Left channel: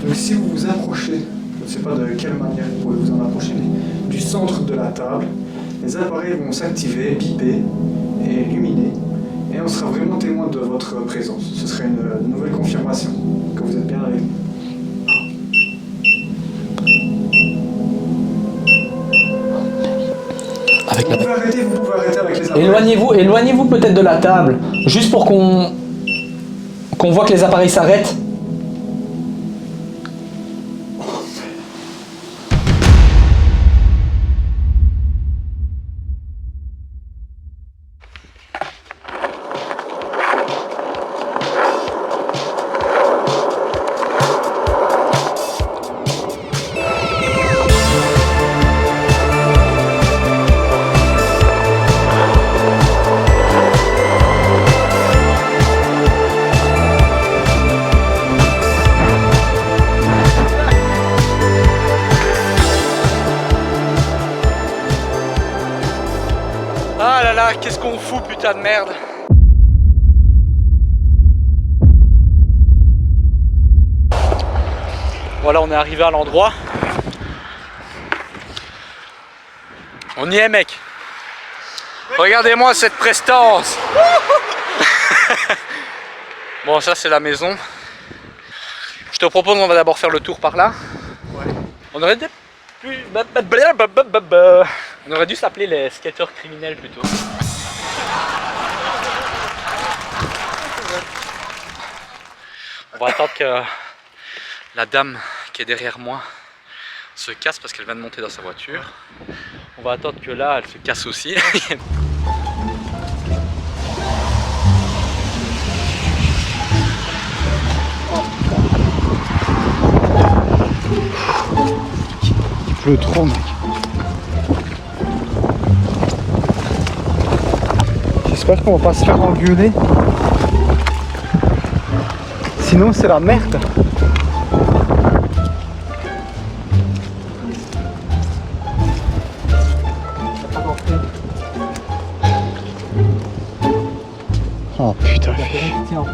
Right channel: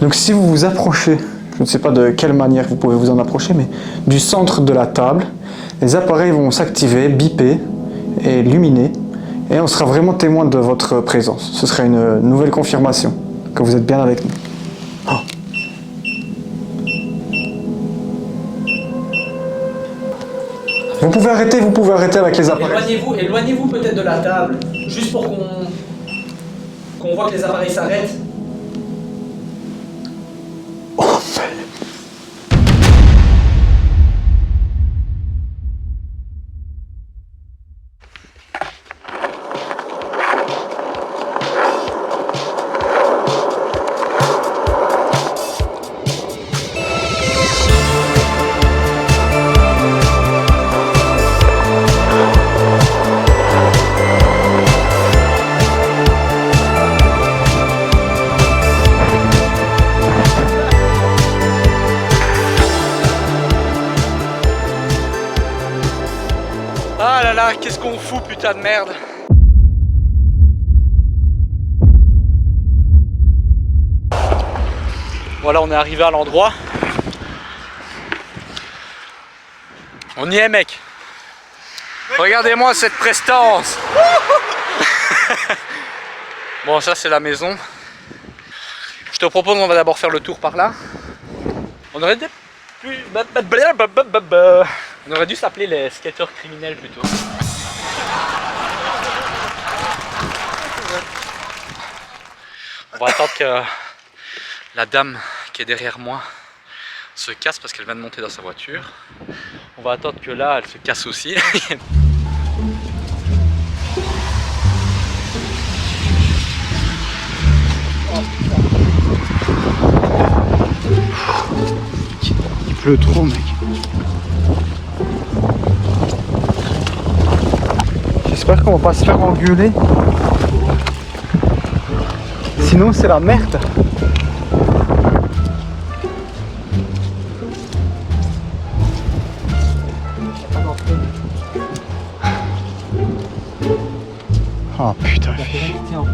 Donc si vous vous approchez, je ne sais pas de quelle manière vous pouvez vous en approcher, mais du centre de la table, les appareils vont s'activer, biper et illuminer, et on sera vraiment témoin de votre présence. Ce sera une nouvelle confirmation que vous êtes bien avec nous. Vous pouvez arrêter avec les appareils. Éloignez-vous peut-être de la table, juste pour qu'on voit que les appareils s'arrêtent. Ah là là, qu'est-ce qu'on fout, putain de merde. Voilà, on est arrivé à l'endroit. On y est, mec. Regardez-moi cette prestance. Bon, ça c'est la maison. Je te propose, on va d'abord faire le tour par là. Ouais. On aurait dû s'appeler les skateurs criminels plutôt. On va attendre que la dame qui est derrière moi se casse parce qu'elle vient de monter dans sa voiture. On va attendre que là, elle se casse aussi. Il pleut trop, mec. J'espère qu'on va pas se faire engueuler. Sinon, c'est la merde. Oh putain. En plus.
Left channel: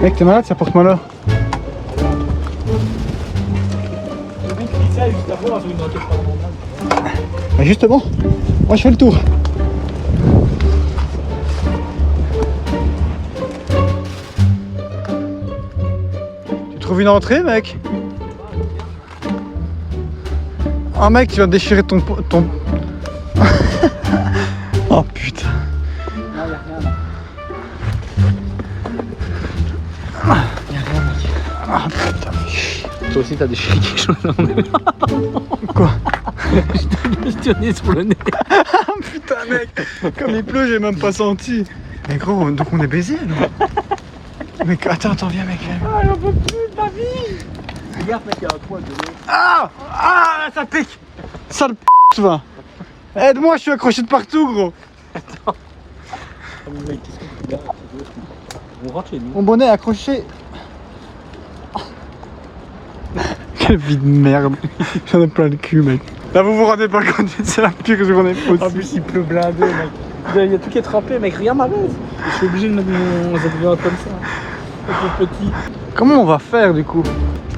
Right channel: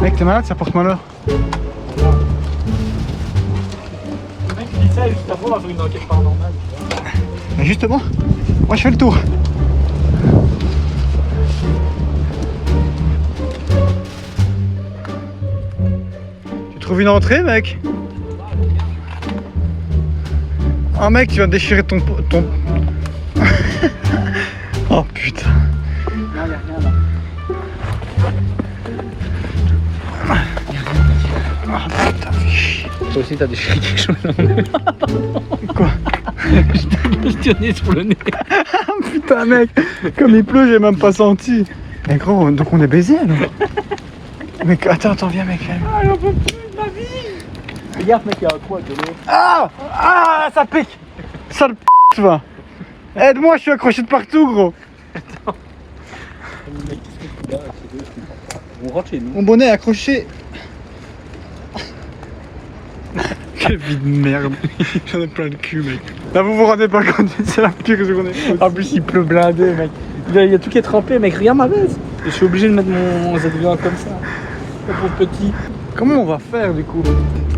Mec, t'es malade, ça porte malheur. Mais justement, moi je fais le tour. Tu trouves une entrée, mec? Ah mec, tu vas déchirer ton... Oh putain. Non, y'a rien. Oh putain. Toi aussi t'as déchiré quelque chose. Quoi? Je t'ai questionné sur le nez. Ah putain mec, comme il pleut, j'ai même pas senti. Mais gros, donc on est baisé alors. Mec, attends, viens mec. Ah, j'en peux plus de ma vie. Regarde mec, il y a un coin de l'eau. Ah, ça pique. Sale p***, va. Aide-moi, je suis accroché de partout, gros. Attends. Mec, qu'est-ce qu'on fait là? On rentre chez nous. Mon bonnet est accroché. Quelle vie de merde. J'en ai plein le cul, mec. Là, vous vous rendez pas compte, c'est la pire journée possible. En plus, il pleut blindé, mec. Il y a tout qui est trempé, mec. Regarde ma veste. Je suis obligé de mettre mon ZV comme ça. Pour petit. Comment on va faire du coup?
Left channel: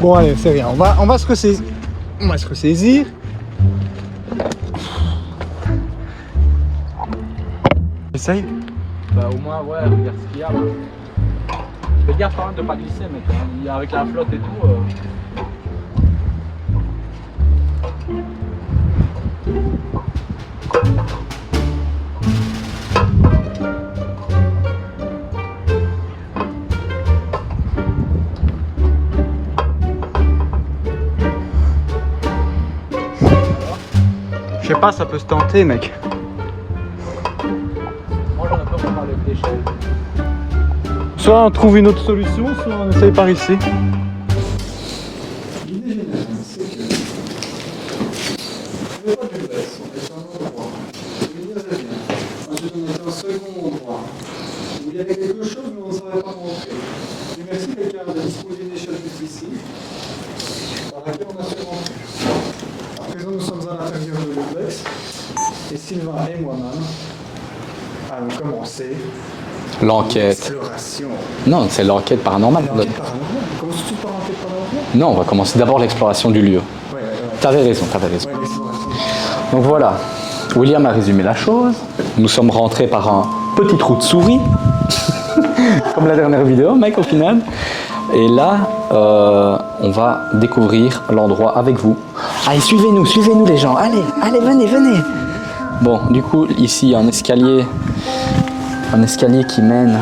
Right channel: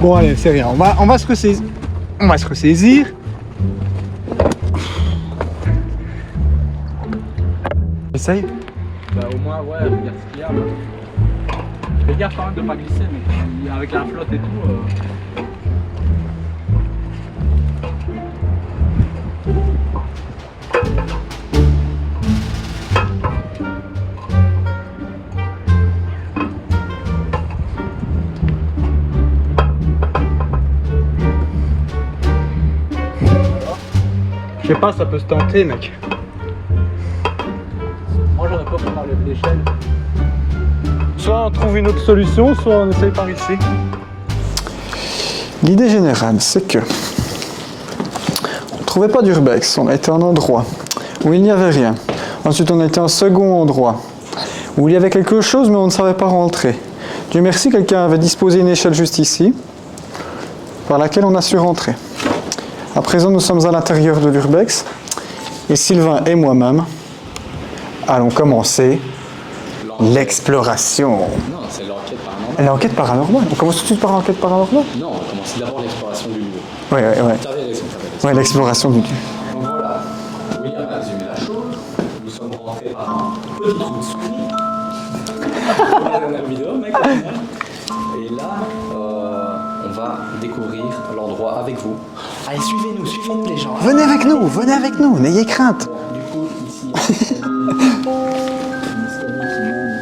Bon, allez, c'est rien. On va se ressaisir. On va se ressaisir. Essaye. Bah, au moins, ouais, regarde ce qu'il y a. Fais gaffe quand même de pas glisser, mec. Avec la flotte et tout. Je sais pas, ça peut se tenter, mec. Moi, j'en ai peur pour lever l'échelle. Soit on trouve une autre solution, soit on essaye par ici. L'idée générale, c'est que on ne trouvait pas d'urbex. On a été à un endroit où il n'y avait rien. Ensuite, on a été à un second endroit où il y avait quelque chose, mais on ne savait pas rentrer. Dieu merci, quelqu'un avait disposé une échelle juste ici, par laquelle on a su rentrer. À présent, nous sommes à l'intérieur de l'urbex, et Sylvain et moi-même allons commencer L'enquête. L'exploration. Non, c'est l'enquête paranormale. L'enquête paranormale. On commence tout de suite par l'enquête paranormale. Non, on va commencer d'abord l'exploration du lieu. Ouais. T'avais raison. Ouais, l'exploration du lieu. Donc voilà, William a résumé la chose. Nous sommes rentrés par un petit trou de souris, comme la dernière vidéo, mec, au final. Et là, on va découvrir l'endroit avec vous. Allez, suivez-nous les gens. Allez, Venez avec nous, n'ayez crainte. Bon, du coup, ici, il y a un escalier, qui mène,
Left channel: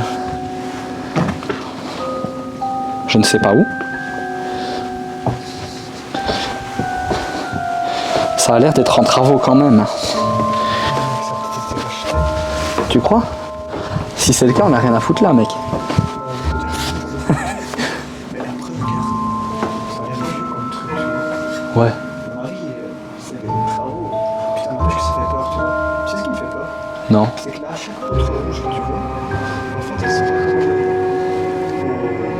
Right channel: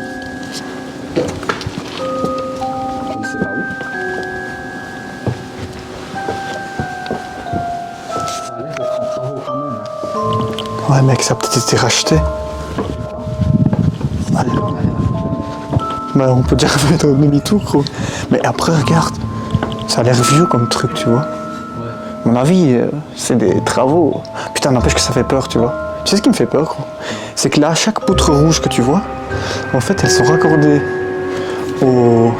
je ne sais pas où. Ça a l'air d'être en travaux quand même. Ouais, mec, ça a peut-être été racheté. Tu crois? Si c'est le cas, on n'a rien à foutre là, mec. Bah, on peut dire mettre un demi-tour, gros. Mais après, regarde, ça a l'air vieux comme truc, tu vois. Ouais. À mon avis, c'est des travaux. Putain, n'empêche que ça fait peur, tu vois. Tu sais ce qui me fait peur, gros? Non. C'est que là, chaque poutre rouge que tu vois, en fait, elles sont raccordées aux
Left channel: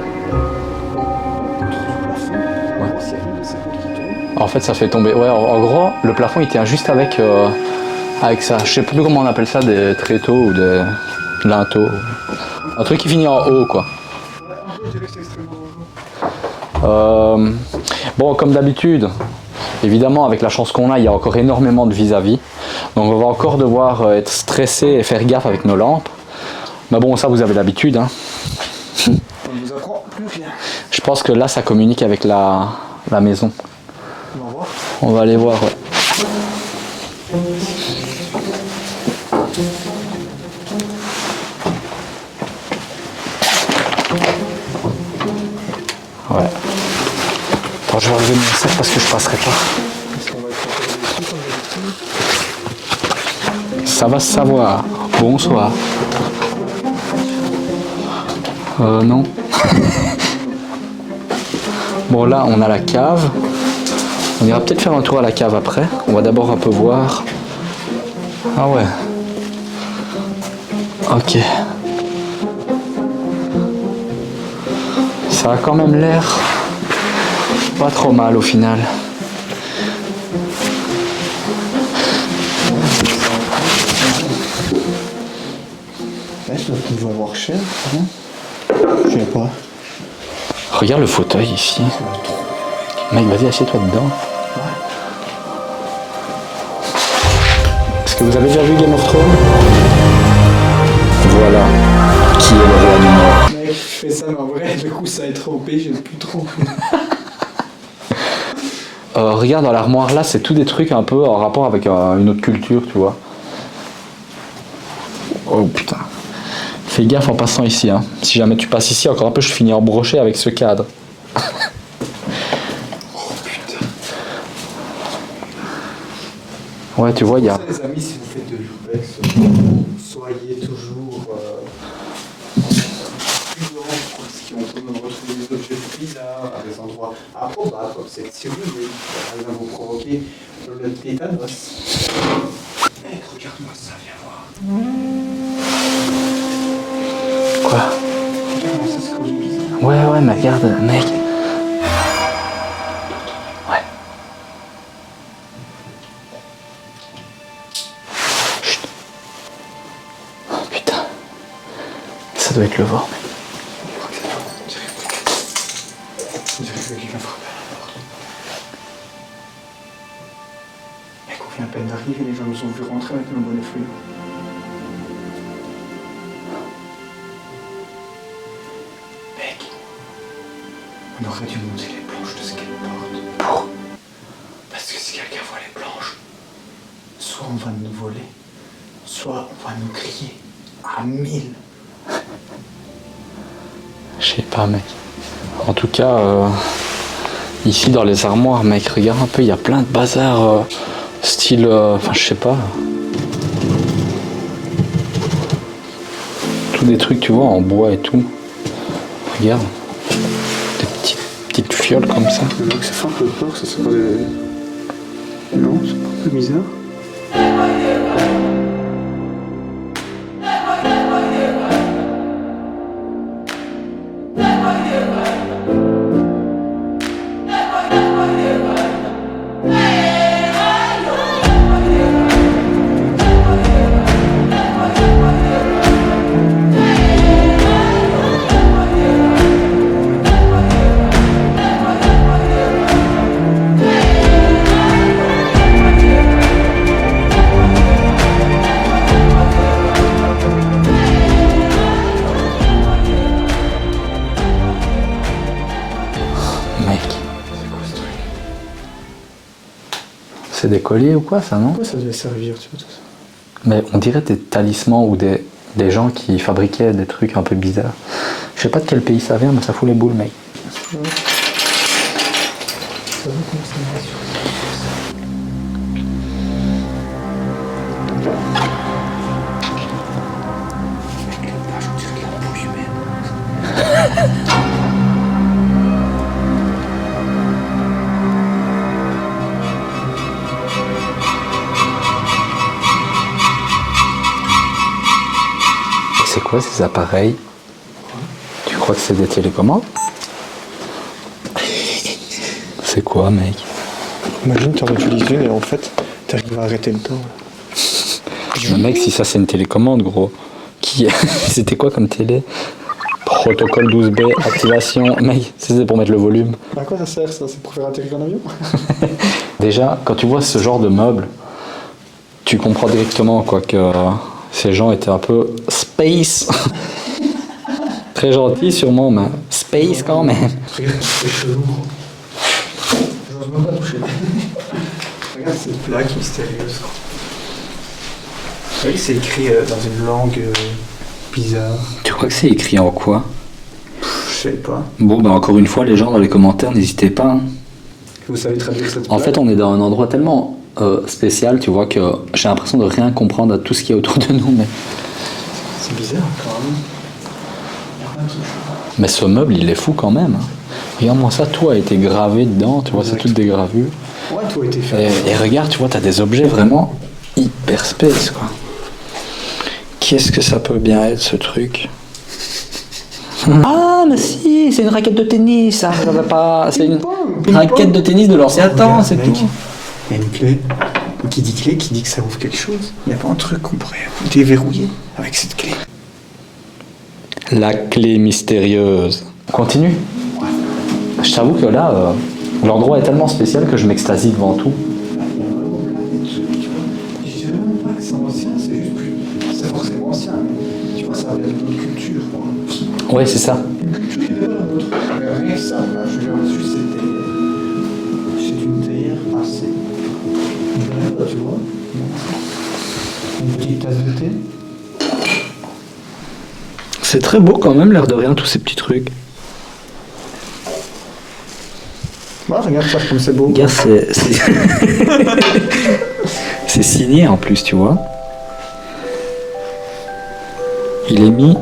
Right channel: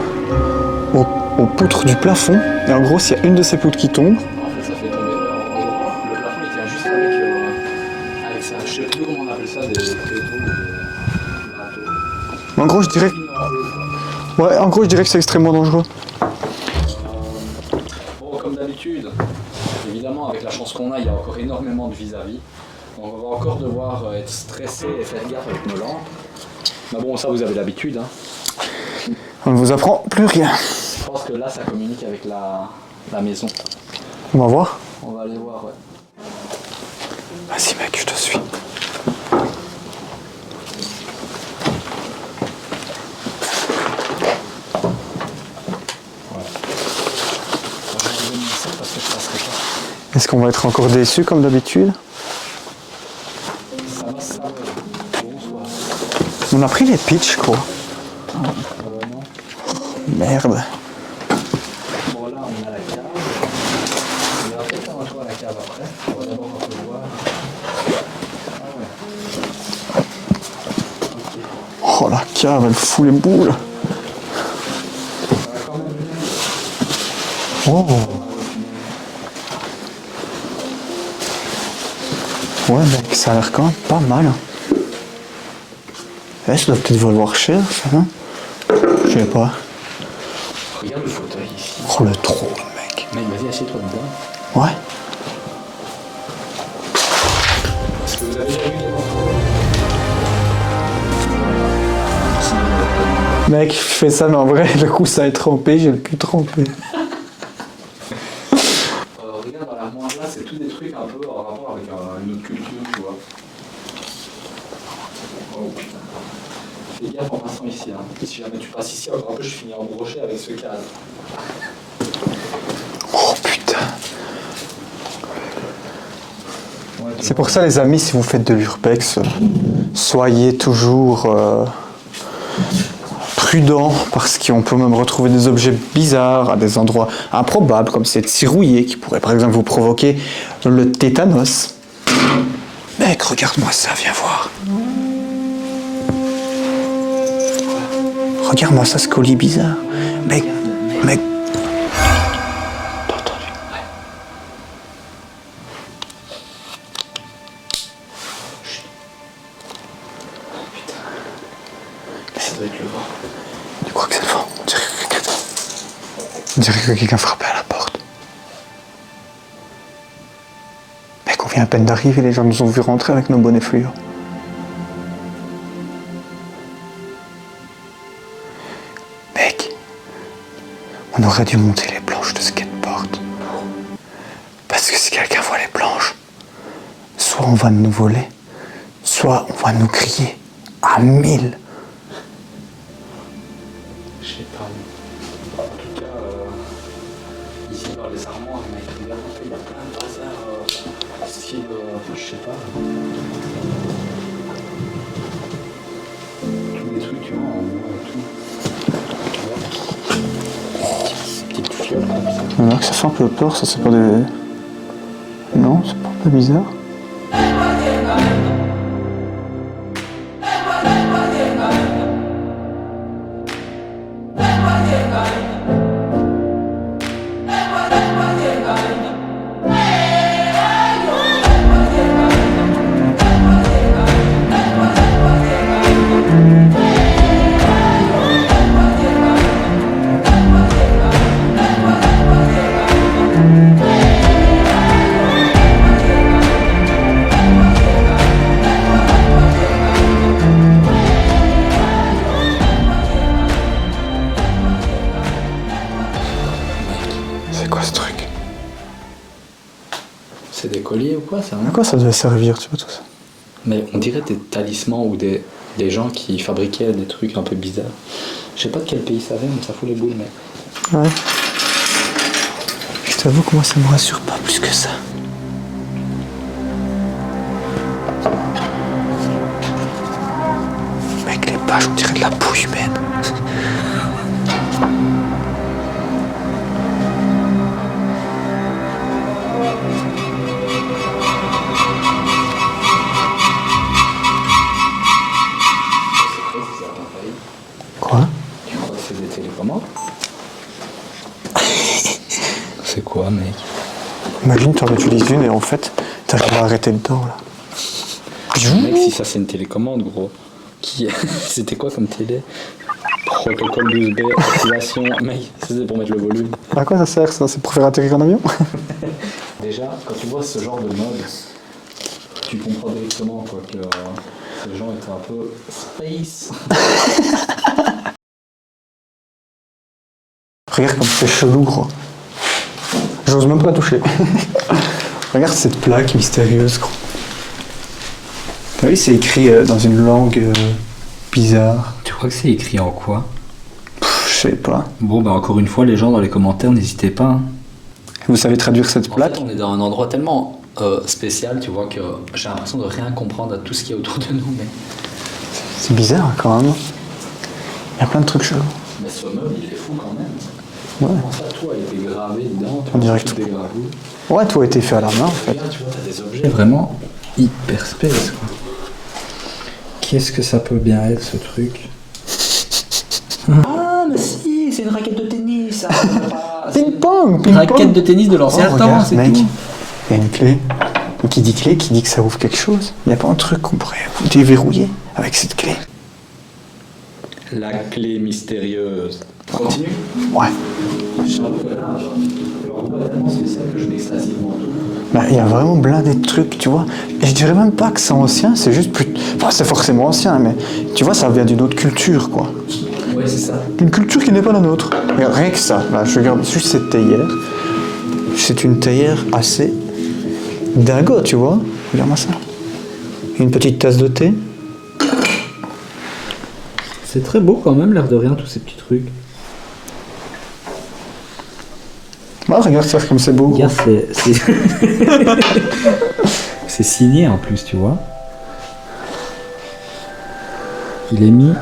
poutres du plafond. Et en gros, s'il y a une de ces poutres qui tombe... En fait, ça fait tomber. Ouais, en gros, le plafond, il tient juste avec ça. Je sais plus comment on appelle ça, des tréteaux ou des linteaux. En gros, Un je truc qui dirais... finit en haut, quoi. Ouais, en gros, je dirais que c'est extrêmement dangereux. Bon, comme d'habitude, évidemment, avec la chance qu'on a, il y a encore énormément de vis-à-vis. Donc, on va encore devoir être stressé et faire gaffe avec nos lampes. Mais bon, ça, vous avez l'habitude, hein. On ne vous apprend plus rien. Je pense que là, ça communique avec la maison. On va voir. On va aller voir, ouais. Vas-y, mec, je te suis. Ouais. Attends, je vais enlever mon sac parce que je passerai pas. Est-ce qu'on va être encore déçus comme d'habitude? Ça va se savoir. Bonsoir. On a pris les pitchs, gros. Non. Merde. Bon, là, on a la cave. On ira peut-être faire un tour à la cave après. On va d'abord un peu voir. Ah ouais. Ok. Oh, la cave, elle fout les boules. Ça a quand même l'air pas trop mal au final. Ouais, mec, ça a l'air quand même pas mal. Ouais, ça doit peut-être valoir cher, ça, hein? Je sais pas. Regarde le fauteuil ici. Oh, le trou, Mec, vas-y, assieds-toi dedans. Ouais. Est-ce que vous avez déjà vu Game of Thrones? Voilà. Qui est le roi du Nord? Mec, je fais ça, mais en vrai, le coup, ça est trompé, j'ai le cul trompé. Regarde dans l'armoire là, c'est tout des trucs un peu en rapport avec une autre culture, tu vois. Oh putain. Fais gaffe en passant ici, hein. Si jamais tu passes ici, encore un peu, je finis en brochet avec ce cadre. Oh putain. Ouais, tu C'est vois. pour il y a- ça, les amis, si vous faites de l'urbex, soyez toujours prudents, parce qu'on peut même retrouver des objets bizarres à des endroits improbables, comme cette cirouillée qui pourrait par exemple vous provoquer le tétanos. Mec, regarde-moi ça, viens voir. Quoi? Regarde-moi ça, ce colis bizarre. Ouais, mais regarde, mec. Mec, T'as entendu? Ouais. Chut. Oh putain. Ça doit être le vent. je crois que c'est le vent. On dirait que quelqu'un frappait à la porte. Mec, on vient à peine d'arriver, les gens nous ont vu rentrer avec nos bonnets fluo. Mec, on aurait dû monter les planches de skateboard pour... Parce que si quelqu'un voit les planches, soit on va nous voler, soit on va nous crier à 1000. Je sais pas, mec. En tout cas, ici dans les armoires, mec, regarde un peu, il y a plein de bazar style. Enfin, je sais pas. Tous des trucs, tu vois, en bois et tout. Regarde. Des petites fioles comme ça. Alors, ça fait un peu peur, ça c'est pas des... Non, c'est pas un peu bizarre. C'est des colliers ou quoi ça, non? À quoi ça devait servir, tu vois, tout ça? Mais on dirait des talismans ou des gens qui fabriquaient des trucs un peu bizarres. Je sais pas de quel pays ça vient, mais ça fout les boules, mec. Ouais. Je t'avoue que moi, ça me rassure pas plus que ça. Mec, les pages, on dirait de la peau humaine. C'est quoi ces appareils? Quoi? Tu crois que c'est des télécommandes? C'est quoi, mec? Imagine, t'en utilises une et en fait, t'as jamais arrêté le temps, là. Mec, si ça c'est une télécommande, gros. C'était quoi comme télé? Protocole 12B, activation. Mec, c'est pour mettre le volume. À quoi ça sert, ça? C'est pour faire atterrir un avion? Déjà, quand tu vois ce genre de meuble, tu comprends directement quoi que ces gens étaient un peu space. Très gentils sûrement, mais space quand même. Regarde comme c'est chelou, gros. J'ose même pas toucher. Regarde cette plaque mystérieuse, gros. Oui, c'est écrit dans une langue bizarre. Tu crois que c'est écrit en quoi? Je sais pas. Bon, bah encore une fois, les gens dans les commentaires, n'hésitez pas. Hein. Vous savez traduire cette plaque? En fait, on est dans un endroit tellement spécial, tu vois, que j'ai l'impression de rien comprendre à tout ce qui est autour de nous. Mais, c'est bizarre, quand même. Il y a plein de trucs chelous. mais ce meuble, il est fou quand même. Regarde-moi ça, tout a été gravé dedans, tu vois, c'est toutes des gravures. Ouais, tout a été fait à la main. Et regarde, tu vois, t'as des objets vraiment hyper space, quoi. Qu'est-ce que ça peut bien être, ce truc? Ah, mais si, c'est une raquette de tennis, ça va pas... C'est une Ping-pong, raquette de tennis de l'ancien temps, regarde, c'est mec. tout. Il y a une clé. Qui dit clé, qui dit que ça ouvre quelque chose. Il n'y a pas un truc qu'on pourrait déverrouiller avec cette clé. La clé mystérieuse. Continue. Ouais. Je t'avoue que là, l'endroit est tellement spécial que je m'extasie devant tout. Bah, il y a vraiment blindé de trucs, tu vois. Et je dirais même pas que c'est ancien, c'est juste plus... Enfin, c'est forcément ancien, mais tu vois, ça vient d'une autre culture, quoi. Ouais, c'est ça. Une culture qui n'est pas la nôtre. Mais rien que ça. Là, je regarde juste cette théière. C'est une théière assez dingo, tu vois. Regarde-moi ça. Une petite tasse de thé. C'est très beau quand même, l'air de rien, tous ces petits trucs. Ah, regarde ça, comme c'est beau. Regarde, c'est signé en plus, tu vois. Il est mis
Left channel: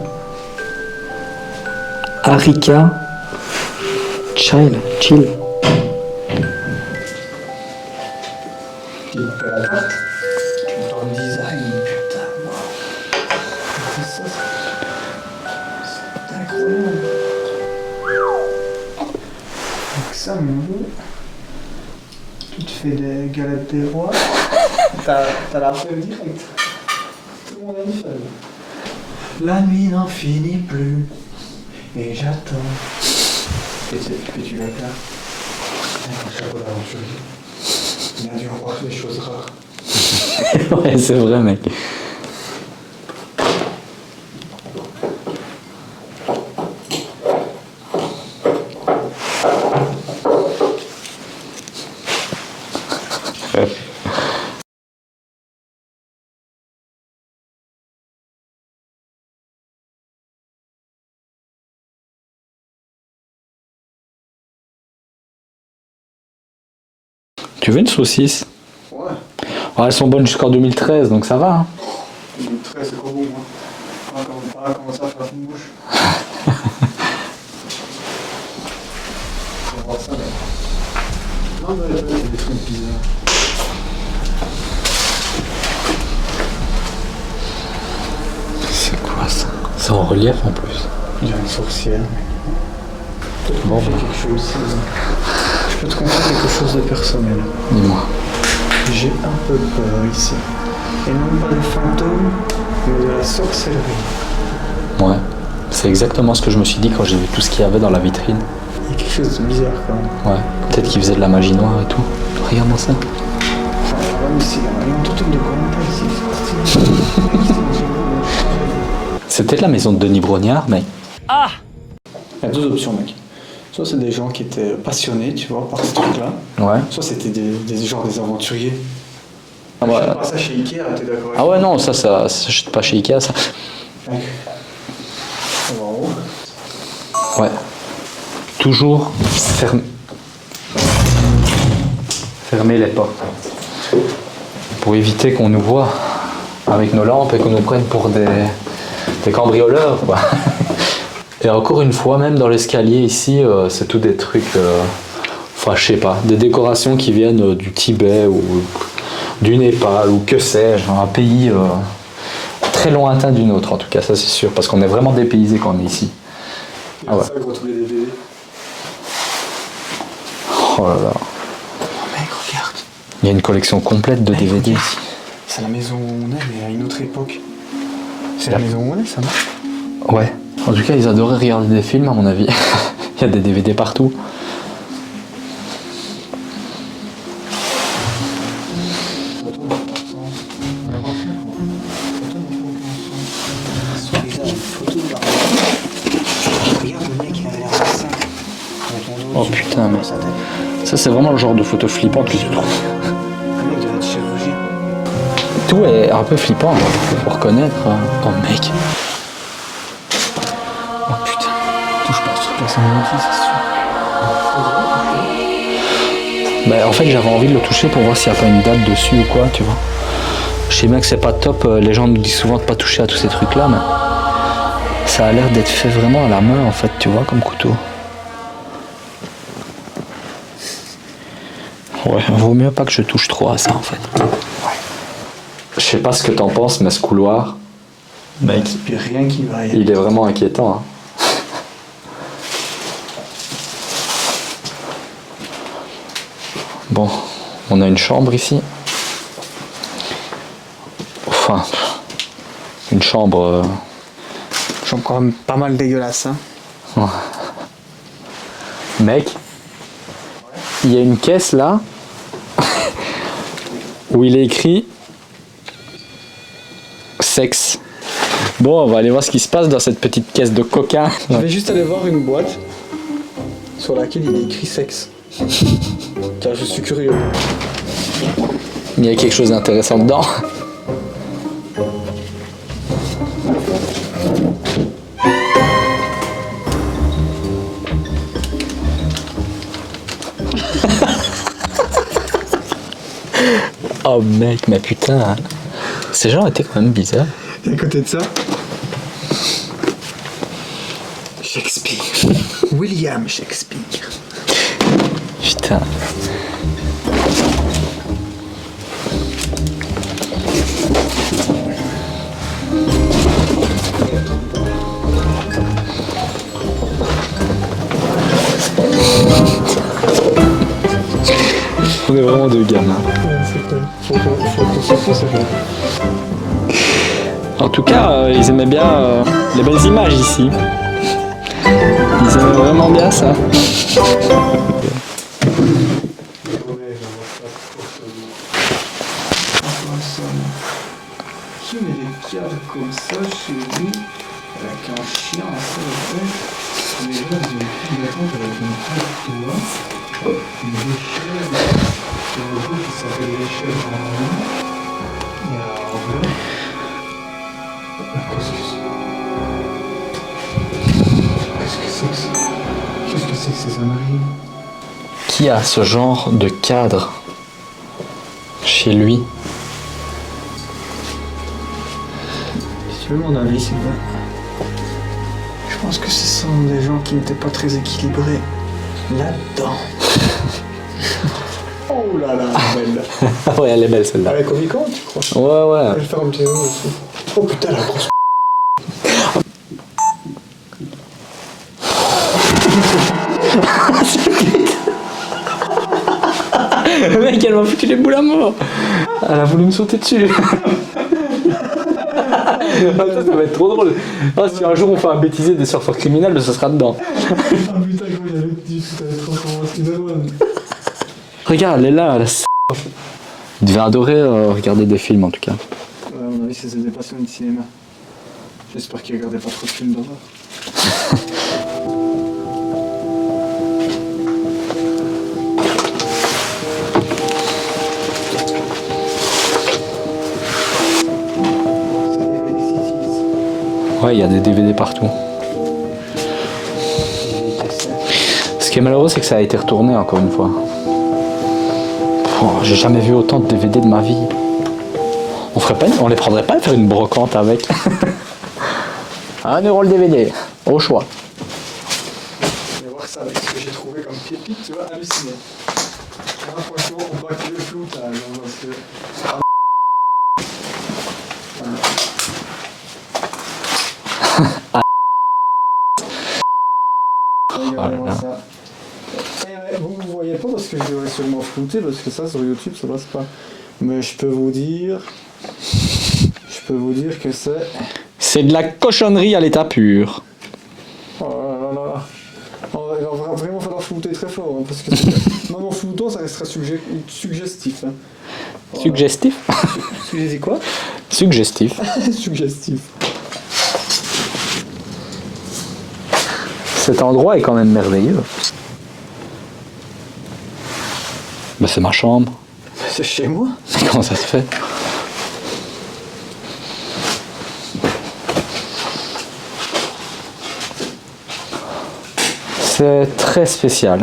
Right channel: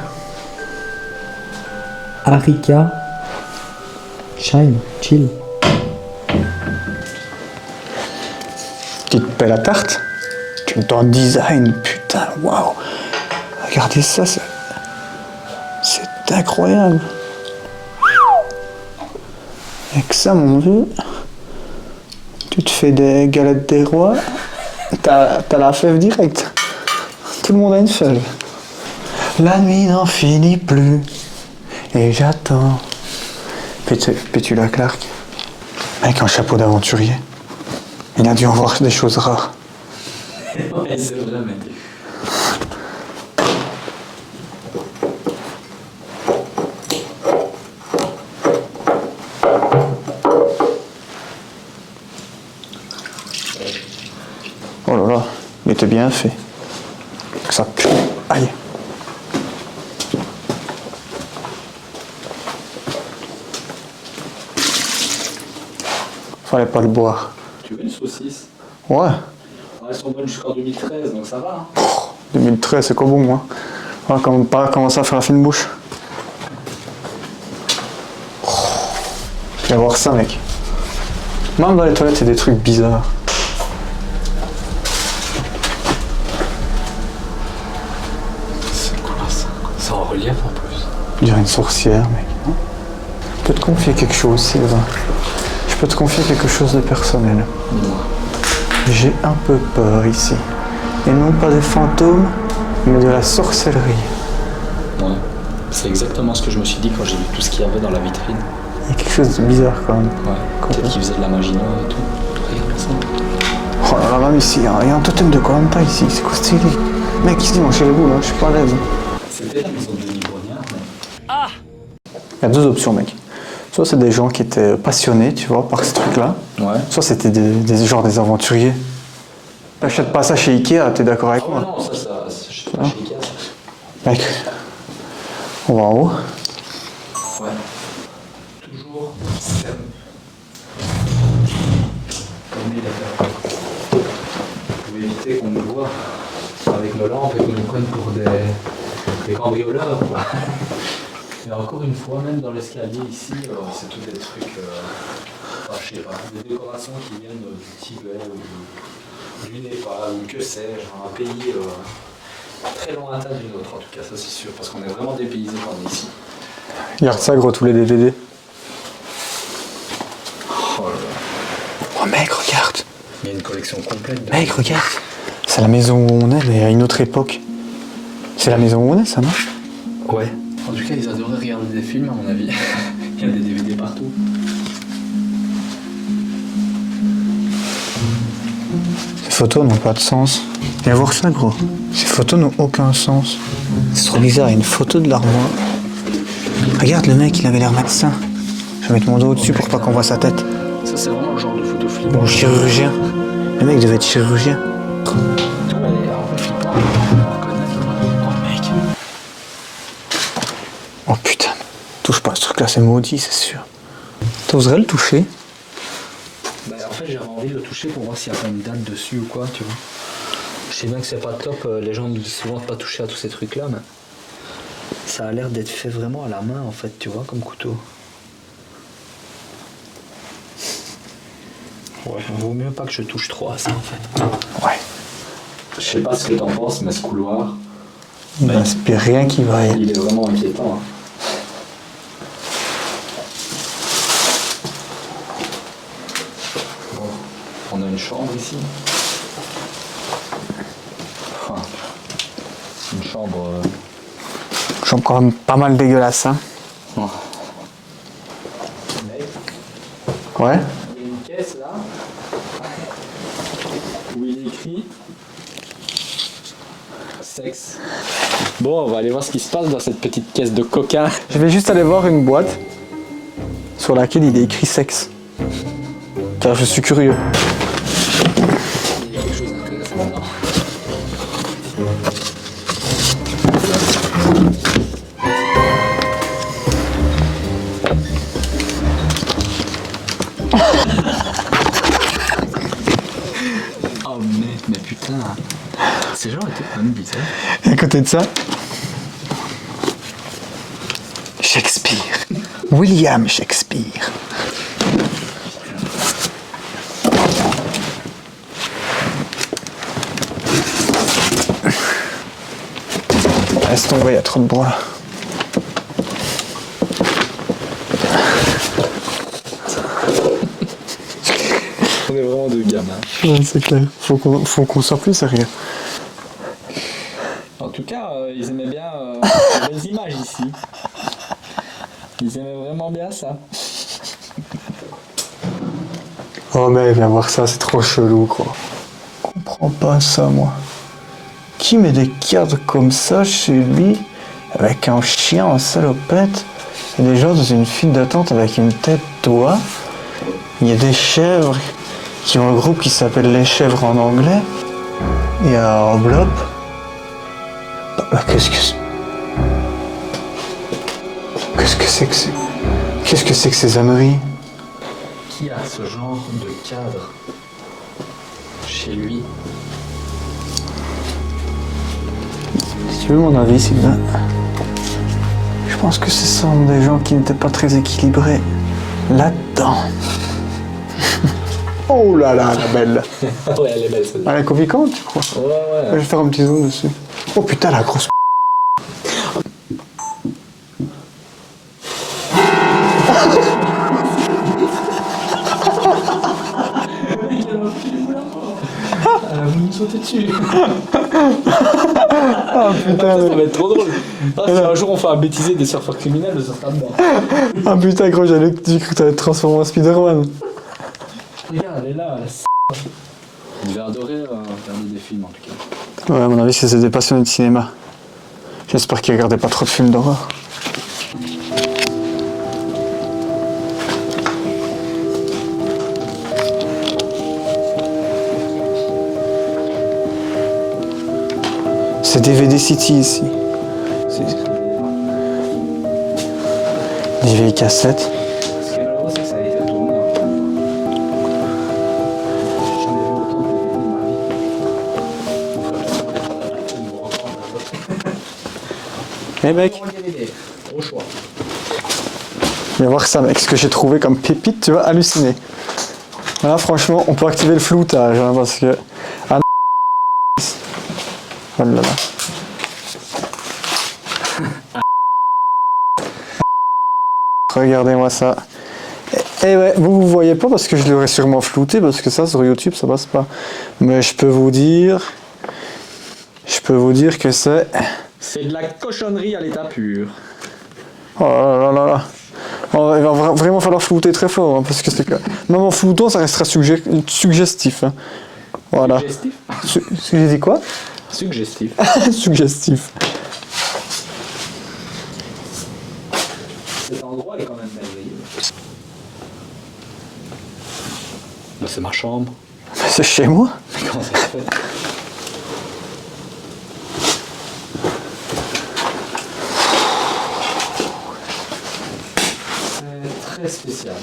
Arika Chill. Qui te paie la tarte. Tu me t'en design, putain, waouh. Regardez ça, c'est incroyable. Avec ça, mon vieux, tu te fais des galettes des rois, t'as la fève directe. Tout le monde a une fève. La nuit n'en finit plus, et j'attends. Puis tu la Clark, avec un chapeau d'aventurier. Il a dû en voir des choses rares. Ouais, c'est vrai, mec. Oh là là, il était bien fait. Ça pue. Aïe. Fallait pas le boire. Tu veux une saucisse? Ouais. Ouais, elles sont bonnes jusqu'en 2013, donc ça va. Hein. 2013, c'est quoi bon, moi? Pas commencer à faire la fine bouche. Viens voir ça, mec. Même dans les toilettes, c'est des trucs bizarres. C'est quoi ça? C'est en relief en plus. Il dirait une sorcière, mec. Je peux te confier quelque chose, c'est vrai. Je peux te confier quelque chose de personnel. Dis-moi. J'ai un peu peur ici. Et non pas des fantômes, mais de la sorcellerie. Ouais. C'est exactement ce que je me suis dit quand j'ai vu tout ce qu'il y avait dans la vitrine. Il y a quelque chose de bizarre quand même. Ouais. Peut-être qu'ils faisaient de la magie noire et tout. Regarde-moi ça. Oh là là, mais ici, il y a un totem de Koh-Lanta ici. C'est quoi ce style? Mec, ici, moi, chez vous, je suis pas rêvé. C'était la maison de Denis Brognard, mais... Il y a deux options, mec. Soit c'est des gens qui étaient passionnés, tu vois, par ce truc-là. Ouais. Soit c'était genre des aventuriers. Achète pas ça chez Ikea, t'es d'accord avec Ah moi? ouais, non, ça s'achète pas chez Ikea, ça. Mec. Waouh. Ouais. Toujours fermer les portes. Pour éviter qu'on nous voit avec nos lampes et qu'on nous prenne pour des cambrioleurs, quoi. Et encore une fois, même dans l'escalier ici, c'est tout des trucs, enfin je sais pas, des décorations qui viennent du Tibet ou du Népal ou que sais-je, un pays très lointain du nôtre en tout cas, ça c'est sûr, parce qu'on est vraiment dépaysé quand on est ici. Regarde ça, gros, tous les DVD. Oh là là. Oh mec, regarde. Il y a une collection complète de Mec, DVD. regarde. C'est la maison où on est, mais à une autre époque. C'est la maison où on est, ça, non? Ouais. En tout cas, ils adoraient regarder des films, à mon avis. Il y a des DVD partout. Ces photos n'ont pas de sens. Viens voir ça, gros. Ces photos n'ont aucun sens. C'est trop bizarre, il y a une photo de l'armée. Regarde, le mec, il avait l'air malsain. Je vais mettre mon dos au-dessus pour pas qu'on voit sa tête. Ça, c'est vraiment le genre de photo flippant. Bon, chirurgien. Le mec devait être chirurgien. Tout est un peu flippant, faut reconnaître. Oh mec. Oh putain. Touche pas à ce truc-là, c'est maudit, c'est sûr. T'oserais le toucher? Bah, en fait, j'avais envie de le toucher pour voir s'il n'y a pas une date dessus ou quoi, tu vois. Je sais bien que c'est pas top, les gens nous disent souvent de pas toucher à tous ces trucs-là, mais ça a l'air d'être fait vraiment à la main, en fait, tu vois, comme couteau. Ouais, vaut mieux pas que je touche trop à ça, en fait. Ouais. Je sais pas ce que t'en penses, mais ce couloir, Mais il n'y a rien qui va. il est vraiment inquiétant. Hein. Bon, on a une chambre ici. Enfin, une chambre... J'en quand même pas mal dégueulasse, hein. Mec, Ouais. il y a une caisse là où il est écrit sexe. Bon, on va aller voir ce qui se passe dans cette petite caisse de coca. Je vais juste aller voir une boîte sur laquelle il est écrit sexe. Car je suis curieux. Il y a quelque chose d'intéressant dedans. Oh mec, mais putain, hein. Ces gens étaient quand même bizarres. Et à côté de ça, Shakespeare. William Shakespeare. Putain. Laisse tomber, il y a trop de bois là. On est vraiment deux gamins. Ouais, c'est clair. Faut qu'on s'en fout, c'est rien. En tout cas, ils aimaient bien les belles images ici. Ils aimaient vraiment bien ça. Oh mais viens voir ça, c'est trop chelou quoi. Oh pas ça moi. Qui met des cadres comme ça chez lui avec un chien en salopette? Des gens dans une file d'attente avec une tête d'oie. Il y a des chèvres qui ont un groupe qui s'appelle les chèvres en anglais. Il y a un bloc. Bah, qu'est-ce que c'est que ces âneries? Qui a ce genre de cadre chez lui? Si tu veux mon avis, Sylvain, je pense que ce sont des gens qui n'étaient pas très équilibrés là-dedans. Oh là là, elle est belle. Ouais, elle est belle celle-là. Elle est convaincante, tu crois? Ouais. Je vais faire un petit zoom dessus. Oh putain, la grosse. Le mec, elle m'a foutu les boules à mort. Elle a voulu me sauter dessus. Ça va être trop drôle. Ah, si un jour on fait un bêtisier des surfeurs criminels, ça sera dedans. Ah putain, gros, j'allais dit que t'allais te transformer en Spider-Man. Regarde, elle est là, la Il devait adorer regarder des films en tout cas. Ouais, à mon avis, c'est des passionnés de cinéma. J'espère qu'ils regardaient pas trop de films d'horreur. City ici. Ouais, il y a des DVD partout. Des vieilles cassettes. Ce qui est malheureux, c'est que ça a été retourné encore une fois. Oh, j'ai jamais vu autant de DVD de ma vie. On les prendrait pas et faire une brocante avec. Mais 1 mec, euro le DVD, au choix. viens voir ça, mec, ce que j'ai trouvé comme pépite, tu vas halluciner. Là, franchement, on peut activer le floutage, hein, parce que... Ah, oh là là. Regardez-moi ça. Et ouais, vous voyez pas parce que je l'aurais sûrement flouté, parce que ça, sur YouTube, ça passe pas. Mais je peux vous dire que c'est... C'est de la cochonnerie à l'état pur. Oh là là là là. Oh, il va vraiment falloir flouter très fort, hein, parce que même en floutant, ça restera suggestif. Hein. Voilà. Suggestif. J'ai dit quoi? Suggestif. Suggestif. Cet endroit est quand même merveilleux. Bah, c'est ma chambre. C'est chez moi. Mais comment ça se fait? C'est très spécial.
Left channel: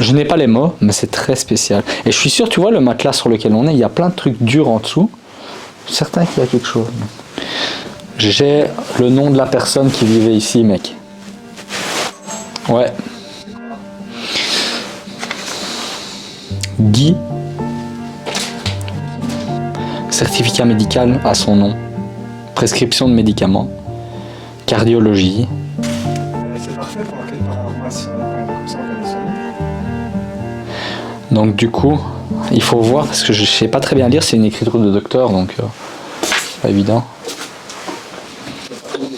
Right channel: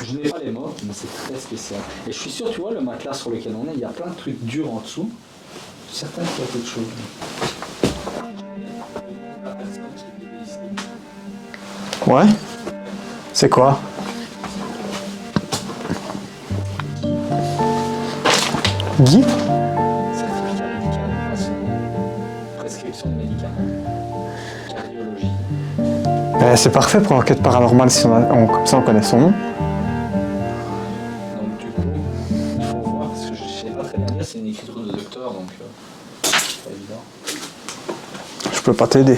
Je n'ai pas les mots, mais c'est très spécial. Et je suis sûr, tu vois, le matelas sur lequel on est, il y a plein de trucs durs en dessous. Je suis certain qu'il y a quelque chose. J'ai le nom de la personne qui vivait ici, mec. Ouais. Ouais. C'est quoi? Guy. Guy? Certificat médical à son nom. Prescription de médicaments. Cardiologie. C'est parfait pour l'enquête paranormale si comme ça on connaît son nom. Donc du coup, il faut voir, parce que je sais pas très bien lire, c'est une écriture de docteur, donc pas évident. Je peux pas t'aider.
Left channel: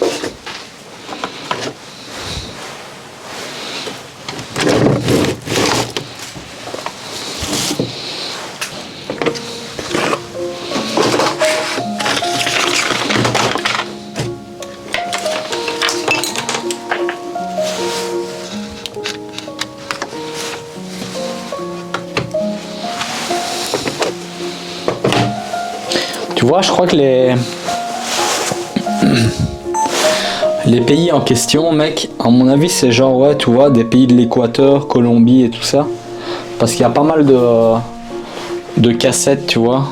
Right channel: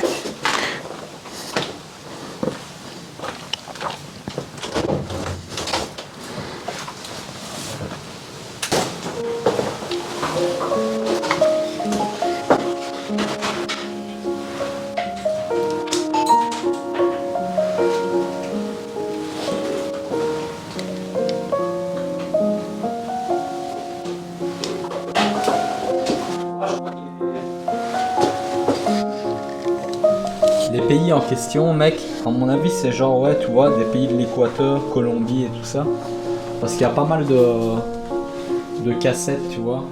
Tu vois, je crois que les pays en question, mec, à mon avis, c'est genre, ouais, tu vois, des pays de l'Équateur, Colombie et tout ça. Parce qu'il y a pas mal de cassettes, tu vois.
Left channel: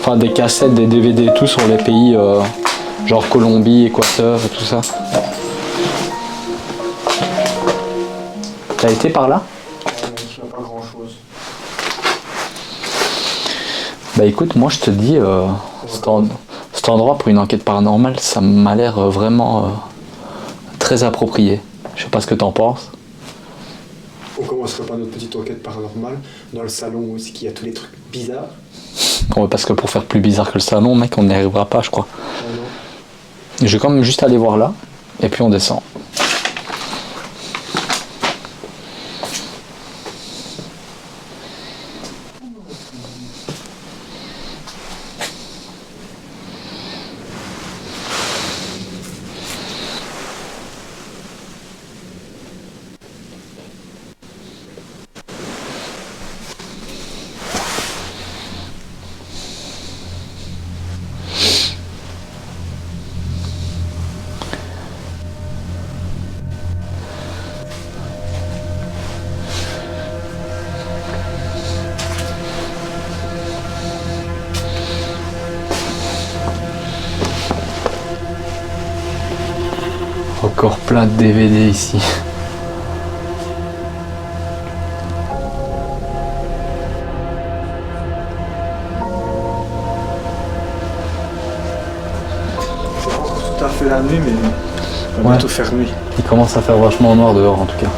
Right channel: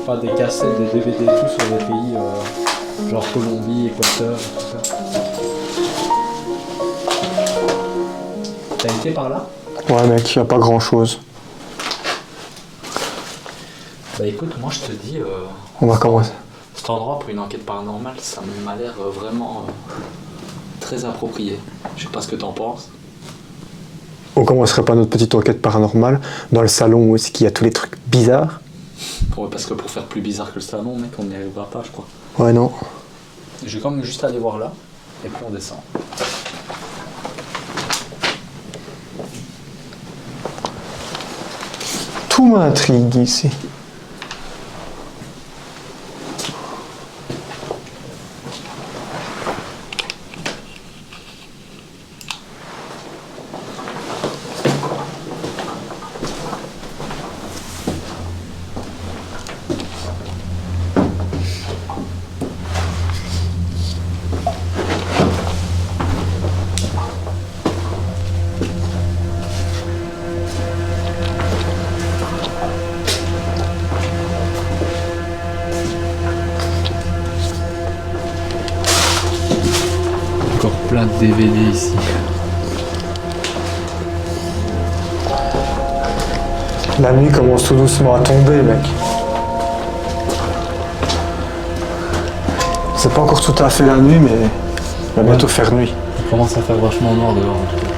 Enfin, des cassettes, des DVD et tout sur les pays, genre Colombie, Équateur et tout ça. T'as été par là? Ouais mec, y a pas grand chose. Bah écoute, moi je te dis, On va commencer. cet endroit pour une enquête paranormale, ça m'a l'air vraiment très approprié. Je sais pas ce que t'en penses. On commencerait pas notre petite enquête paranormale dans le salon où est-ce qu'il y a tous les trucs bizarres? Ouais, parce que pour faire plus bizarre que le salon, mec, on n'y arrivera pas, je crois. Ouais non. Je vais quand même juste aller voir là, et puis on descend. Tout m'intrigue ici. Encore plein de DVD ici. La nuit commence tout doucement à tomber, mec. C'est pas encore tout à fait la nuit, mais il va bientôt faire nuit. Il commence à faire vachement noir dehors en tout cas.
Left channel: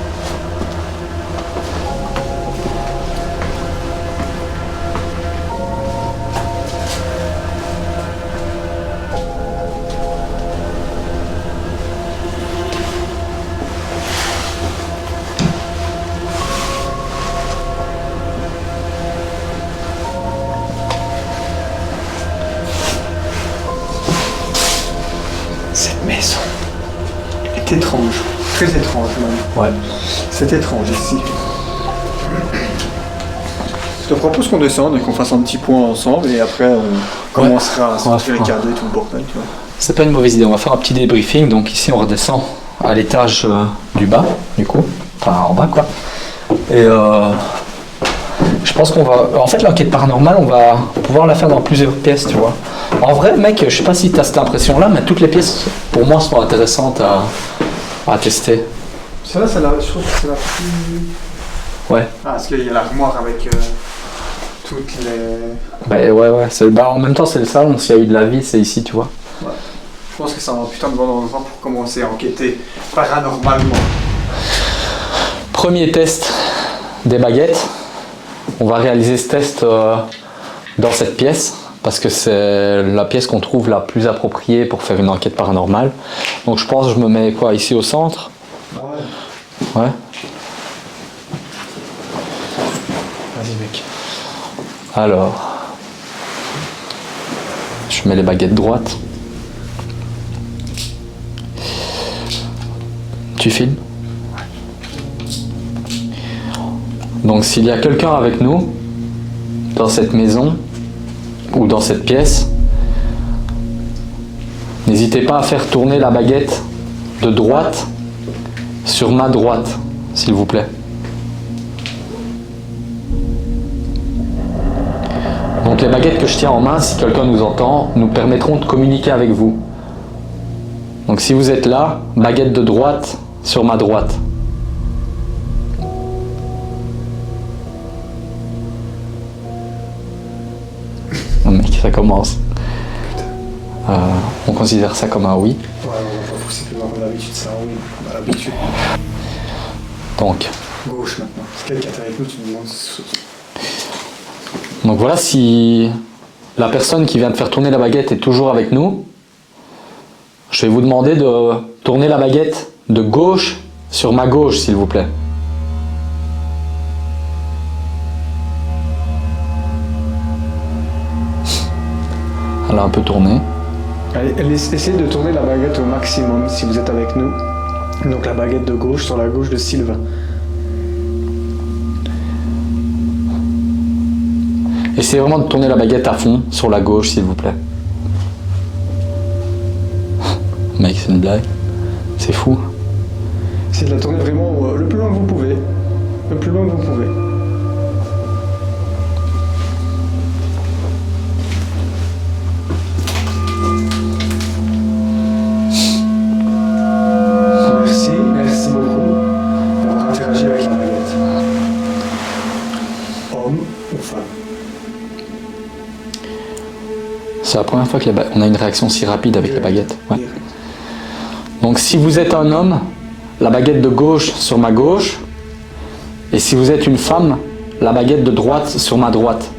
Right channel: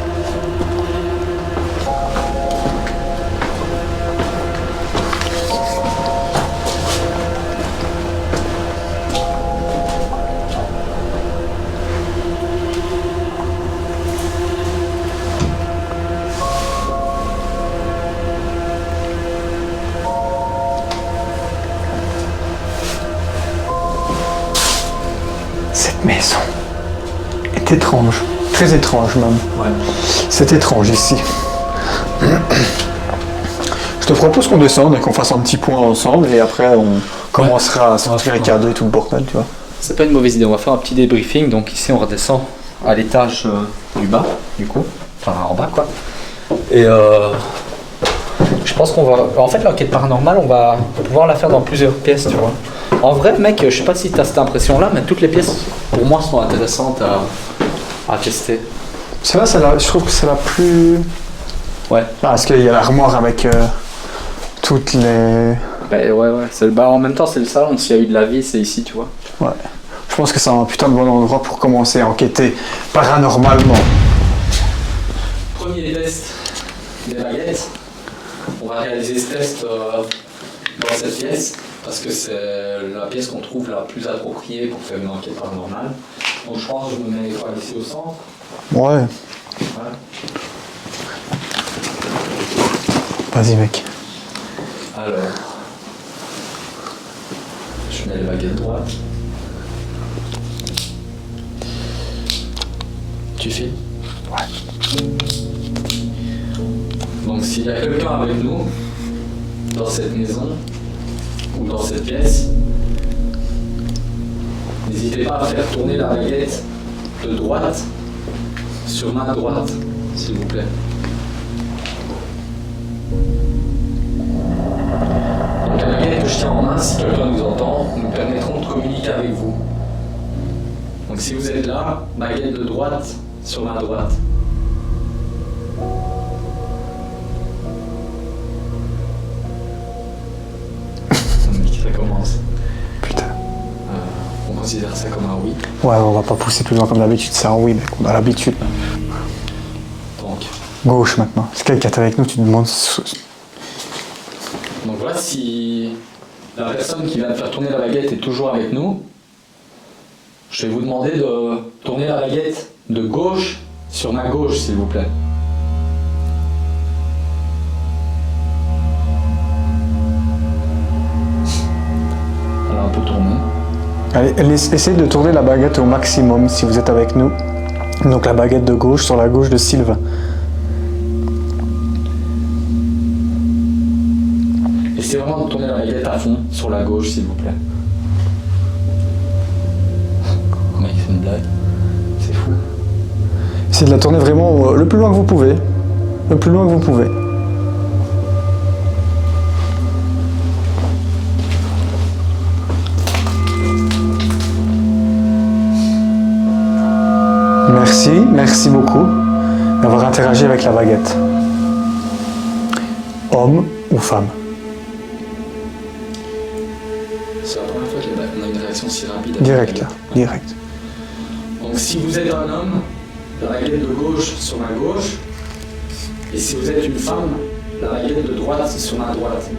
Cette maison est étrange, très étrange même. Ouais. C'est étrange ici. Je te propose qu'on descende et qu'on fasse un petit point ensemble et après on commencera à sortir les cadeaux et tout le bordel, tu vois. C'est pas une mauvaise idée, on va faire un petit débriefing. Donc ici on redescend à l'étage du bas, du coup. Enfin en bas quoi. Et je pense qu'on va... En fait l'enquête paranormale, on va pouvoir la faire dans plusieurs pièces, tu vois. En vrai mec, je sais pas si tu as cette impression là, mais toutes les pièces pour moi sont intéressantes à tester. C'est vrai, je trouve que c'est la plus... Ouais. Parce qu'il y a l'armoire avec toutes les... Bah ouais. En même temps c'est le salon, s'il y a eu de la vie c'est ici, tu vois. Ouais. Je pense que c'est un putain de bon endroit pour commencer à enquêter paranormalement. Premier test des baguettes. On va réaliser ce test dans cette pièce parce que c'est la pièce qu'on trouve la plus appropriée pour faire une enquête paranormale. Donc je pense que je me mets quoi ici au centre. Ouais. Ouais. Vas-y mec. Alors, je mets les baguettes droites. Tu filmes? Ouais. Donc s'il y a quelqu'un avec nous dans cette maison ou dans cette pièce, n'hésitez pas à faire tourner la baguette de droite sur ma droite, s'il vous plaît. Donc les baguettes que je tiens en main, si quelqu'un nous entend, nous permettront de communiquer avec vous. Donc si vous êtes là, baguette de droite sur ma droite. Oh mec, ça commence. Putain. On considère ça comme un oui. Ouais, on va pas pousser plus loin comme d'habitude, c'est un oui mec, on a l'habitude. Donc Gauche maintenant. Si quelqu'un est avec nous, tu te demandes... Donc voilà, si la personne qui vient de faire tourner la baguette est toujours avec nous, je vais vous demander de tourner la baguette de gauche sur ma gauche, s'il vous plaît. Elle a un peu tourné. Allez, essayez de tourner la baguette au maximum si vous êtes avec nous. Donc la baguette de gauche sur la gauche de Sylvain. Essayez vraiment de tourner la baguette à fond sur la gauche, s'il vous plaît. Mec, c'est une blague. C'est fou. Essayez de la tourner vraiment le plus loin que vous pouvez. Le plus loin que vous pouvez. Merci beaucoup d'avoir interagi avec la baguette. Homme ou femme? C'est la première fois qu'on a une réaction si rapide avec la baguette. Ouais. Direct. Donc si vous êtes un homme, la baguette de gauche sur ma gauche. Et si vous êtes une femme, la baguette de droite sur ma droite.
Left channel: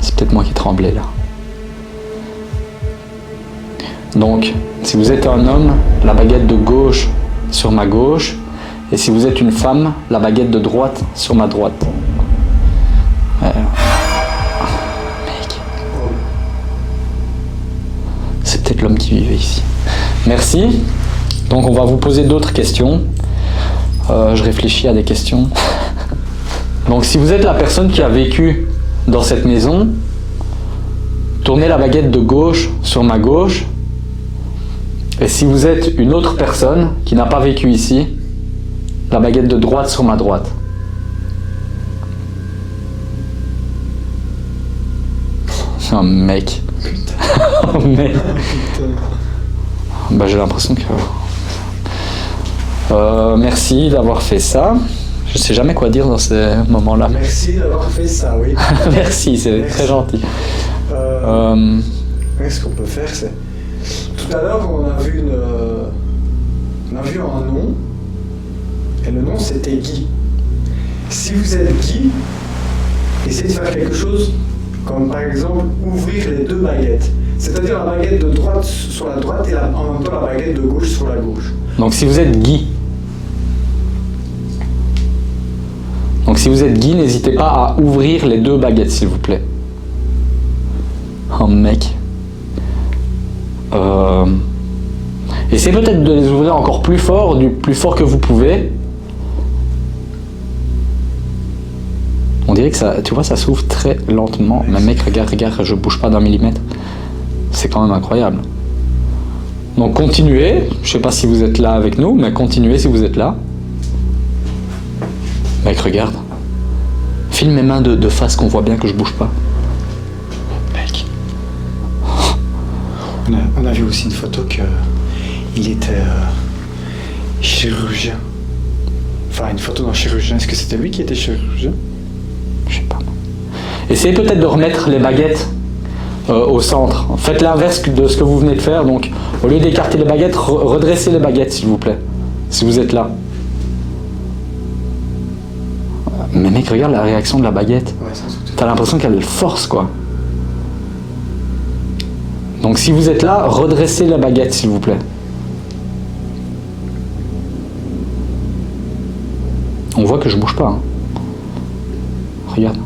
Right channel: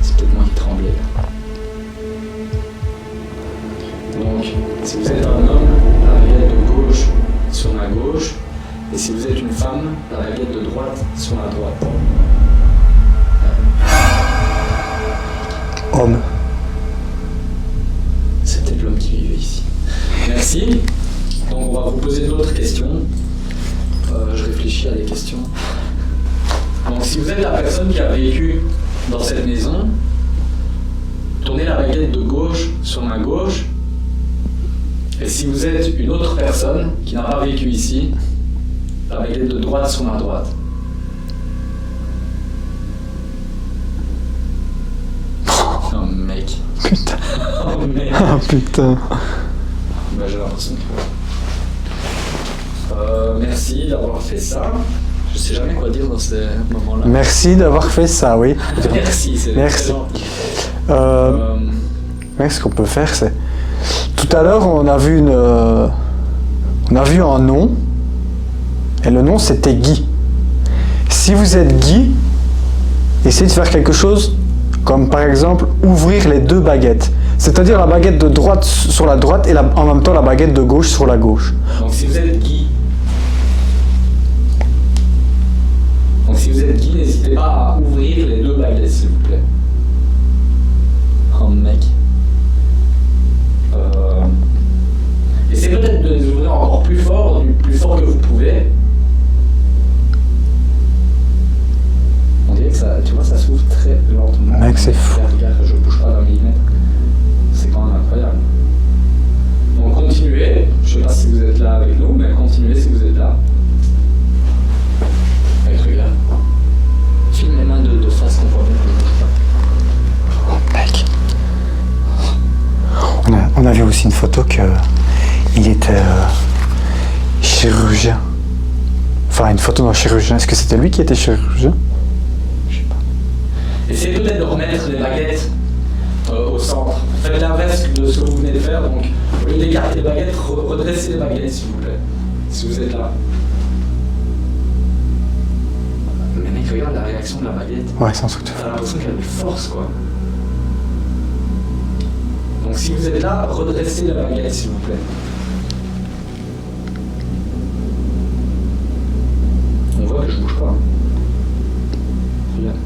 C'est peut-être moi qui tremblais là. Donc, si vous êtes un homme, la baguette de gauche sur ma gauche. Et si vous êtes une femme, la baguette de droite sur ma droite. Mec. Homme. C'est peut-être l'homme qui vivait ici. Merci. Donc on va vous poser d'autres questions. Je réfléchis à des questions. Donc si vous êtes la personne qui a vécu dans cette maison, tournez la baguette de gauche sur ma gauche. Et si vous êtes une autre personne qui n'a pas vécu ici, la baguette de droite sur ma droite. Oh mec. Putain. Oh mec. Ah putain. Bah, j'ai l'impression que... merci d'avoir fait ça. Je sais jamais quoi dire dans ces moments-là. Merci d'avoir fait ça, oui. Merci, c'est Merci. très gentil. Ouais, ce qu'on peut faire, c'est... Tout à l'heure, on a vu un nom. Et le nom, c'était Guy. Si vous êtes Guy, essayez de faire quelque chose comme, par exemple, ouvrir les deux baguettes. C'est-à-dire la baguette de droite sur la droite et en même temps la baguette de gauche sur la gauche. Donc si vous êtes Guy, n'hésitez pas à ouvrir les deux baguettes, s'il vous plaît. Oh mec. Essayez peut-être de les ouvrir encore plus fort, du plus fort que vous pouvez. On dirait que ça, tu vois, ça s'ouvre très lentement. Mec, Mais mec, regarde, je bouge pas d'un millimètre. C'est quand même incroyable. Donc continuez, je sais pas si vous êtes là avec nous, mais continuez si vous êtes là. Mec, regarde. Filme mes mains de face qu'on voit bien que je bouge pas. Mec. On a vu aussi une photo qu'il était chirurgien. Enfin, une photo d'un chirurgien. Est-ce que c'était lui qui était chirurgien? Je sais pas. Essayez peut-être de remettre les baguettes au centre. Faites l'inverse de ce que vous venez de faire. Donc, au lieu d'écarter les baguettes, redressez les baguettes, s'il vous plaît. Si vous êtes là. Mais mec, regarde la réaction de la baguette. Ouais, sans doute. T'as l'impression qu'elle force, quoi. Donc, si vous êtes là, redressez la baguette, s'il vous plaît. On voit que je bouge pas. Hein. Regarde.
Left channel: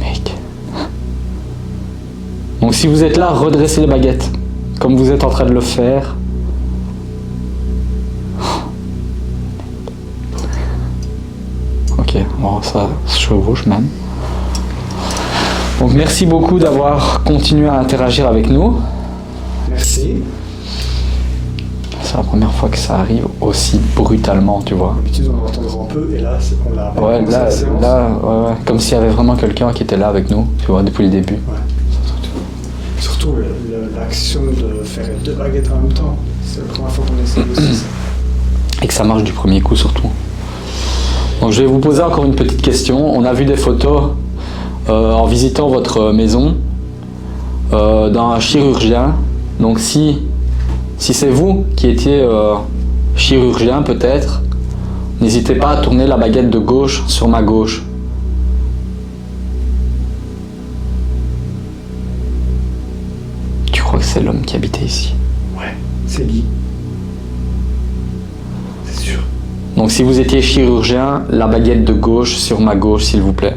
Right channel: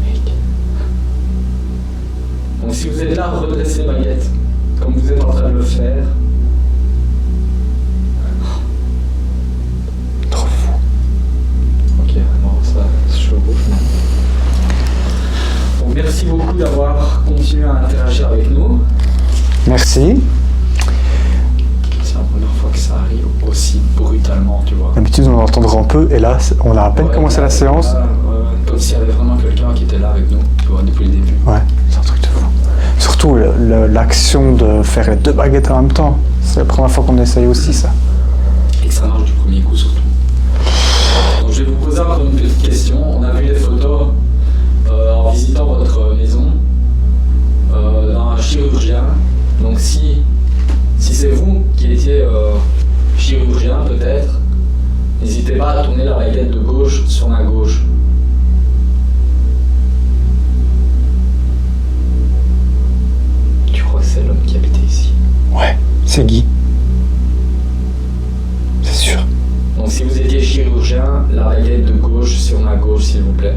Mec. Donc si vous êtes là, redressez les baguettes. Comme vous êtes en train de le faire. Trop fou. Ok, bon ça se chevauche même. Donc merci beaucoup d'avoir continué à interagir avec nous. Merci. C'est la première fois que ça arrive aussi brutalement, tu vois. D'habitude, on l'entendra un peu, et là, on a à peine commencé la séance. Là, ouais. Comme s'il y avait vraiment quelqu'un qui était là avec nous, tu vois, depuis le début. Ouais, c'est un truc de fou. Surtout l'action de faire les deux baguettes en même temps. C'est la première fois qu'on essaye aussi ça. Et que ça marche du premier coup surtout. Donc je vais vous poser encore une petite question. On a vu des photos en visitant votre maison d'un chirurgien. Donc si c'est vous qui étiez chirurgien peut-être, n'hésitez pas à tourner la baguette de gauche sur ma gauche. Tu crois que c'est l'homme qui habitait ici? Ouais, c'est Guy. C'est sûr. Donc si vous étiez chirurgien, la baguette de gauche sur ma gauche s'il vous plaît.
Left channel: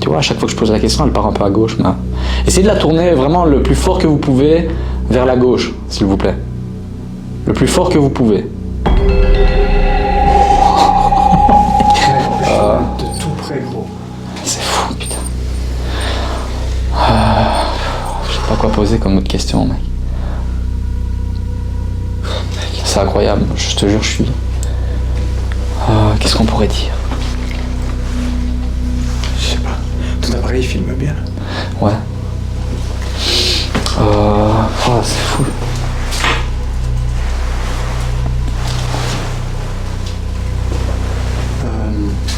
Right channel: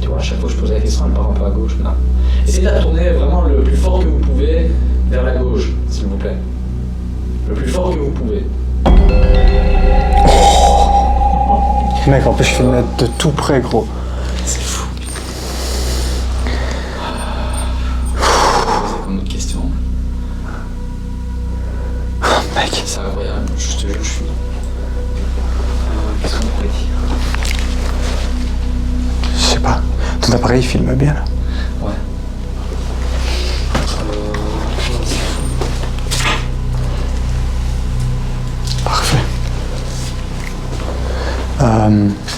Tu vois, à chaque fois que je pose la question, elle part un peu à gauche. Mais... essayez de la tourner vraiment le plus fort que vous pouvez vers la gauche, s'il vous plaît. Le plus fort que vous pouvez. Mec, en plus, je filmais de tout près, gros. C'est fou, putain. Pourquoi poser comme autre question, mec? Mec, c'est incroyable. Je te jure, je suis... qu'est-ce qu'on pourrait dire? Je sais pas. Ton appareil filme bien, là. Ouais. C'est fou. Parfait.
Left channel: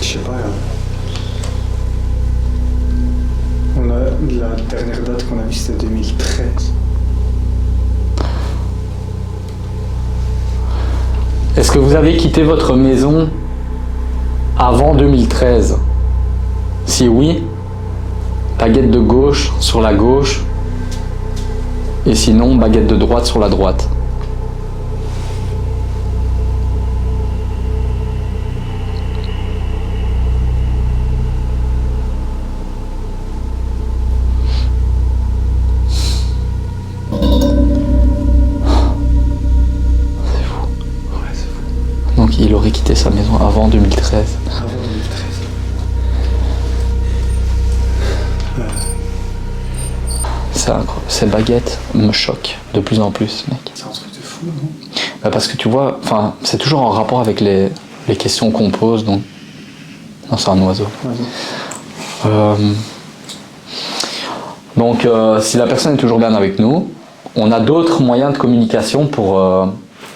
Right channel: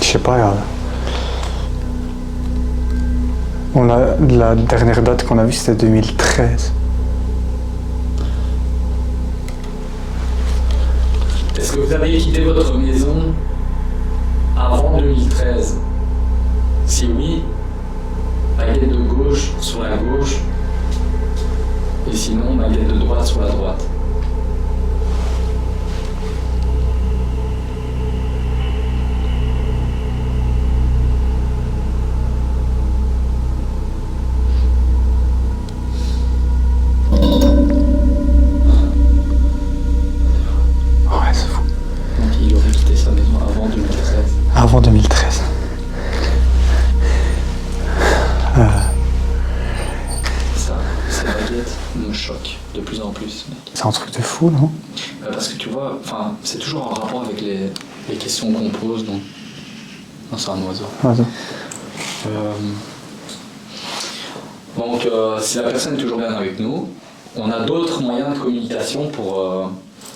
Je sais pas. La dernière date qu'on a vue, c'était 2013. Est-ce que vous avez quitté votre maison avant 2013? Si oui, baguette de gauche sur la gauche. Et sinon, baguette de droite sur la droite. Ouais, c'est fou. Donc il aurait quitté sa maison avant 2013. Avant 2013. Ces baguettes me choquent de plus en plus, mec. C'est un truc de fou, non? Parce que tu vois, c'est toujours en rapport avec les questions qu'on pose. Donc... non, c'est un oiseau. Donc si la personne est toujours bien avec nous, on a d'autres moyens de communication pour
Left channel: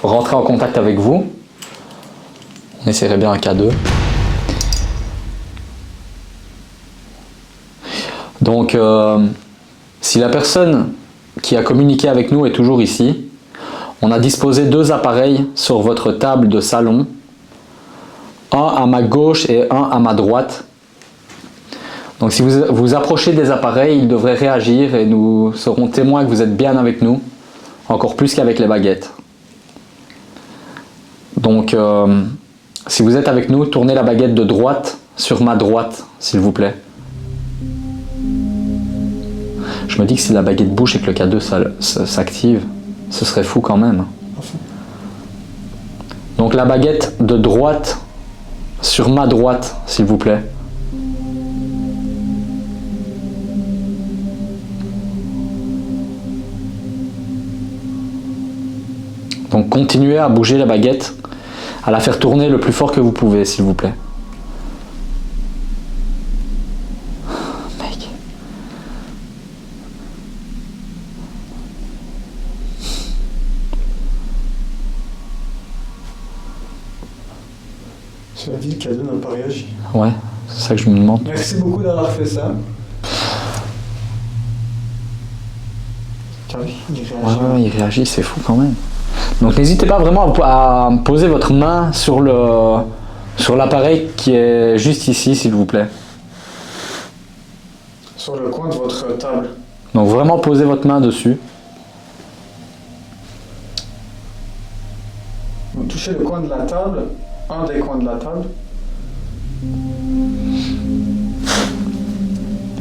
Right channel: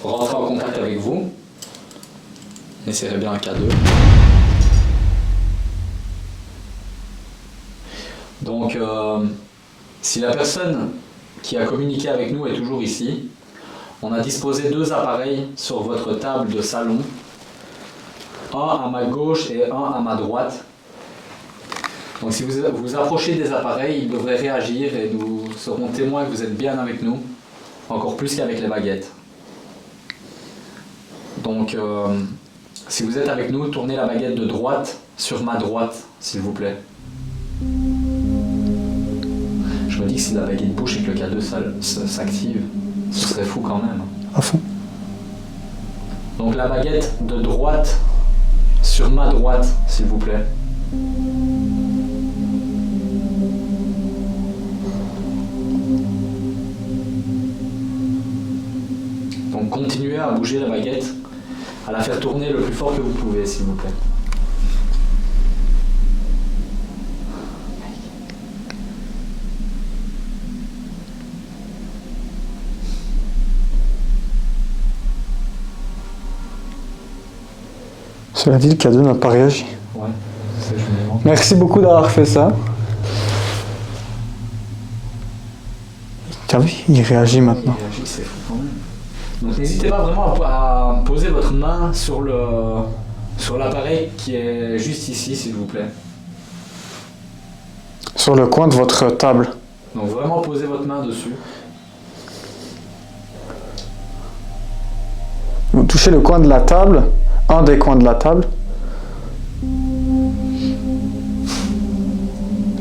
rentrer en contact avec vous. On essaierait bien un K2. Donc si la personne qui a communiqué avec nous est toujours ici, on a disposé 2 appareils sur votre table de salon, un à ma gauche et un à ma droite. Donc si vous vous approchez des appareils, ils devraient réagir et nous serons témoins que vous êtes bien avec nous, encore plus qu'avec les baguettes. Donc si vous êtes avec nous, tournez la baguette de droite sur ma droite, s'il vous plaît. Je Je me dis que si la baguette bouge et que le K2 s'active, ce serait fou quand même. À fond. Donc la baguette de droite sur ma droite, s'il vous plaît. Donc continuez à bouger la baguette, à la faire tourner le plus fort que vous pouvez, s'il vous plaît. Mec. Cela dit, le cadeau n'a pas réagi. Ouais, c'est ça que je me demande. Merci beaucoup d'avoir fait ça. T'as vu, il réagit Ah, maintenant. il réagit, c'est fou quand même. Donc n'hésitez pas vraiment à poser votre main sur l'appareil qui est juste ici, s'il vous plaît. Sur le coin de votre table. Donc vraiment posez votre main dessus. Vous touchez le coin de la table, un des coins de la table.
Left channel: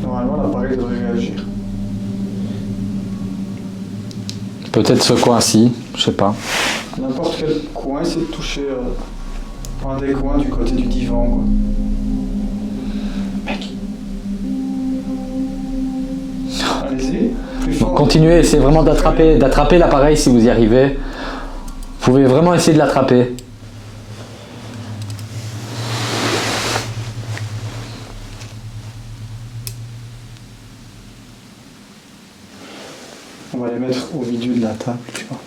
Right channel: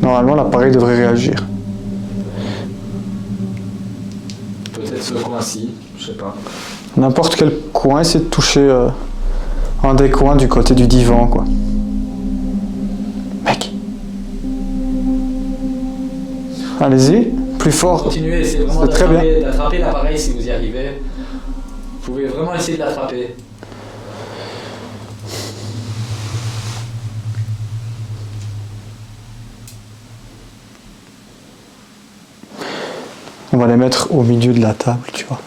Normalement, l'appareil devrait réagir. Peut-être ce coin-ci, je sais pas. N'importe quel coin, c'est de toucher un des coins du côté du divan, quoi. Mec, Allez-y, plus fort. continuez, essayez vraiment C'est très bien. d'attraper l'appareil si vous y arrivez. Vous pouvez vraiment essayer de l'attraper. On va les mettre au milieu de la table, tu vois.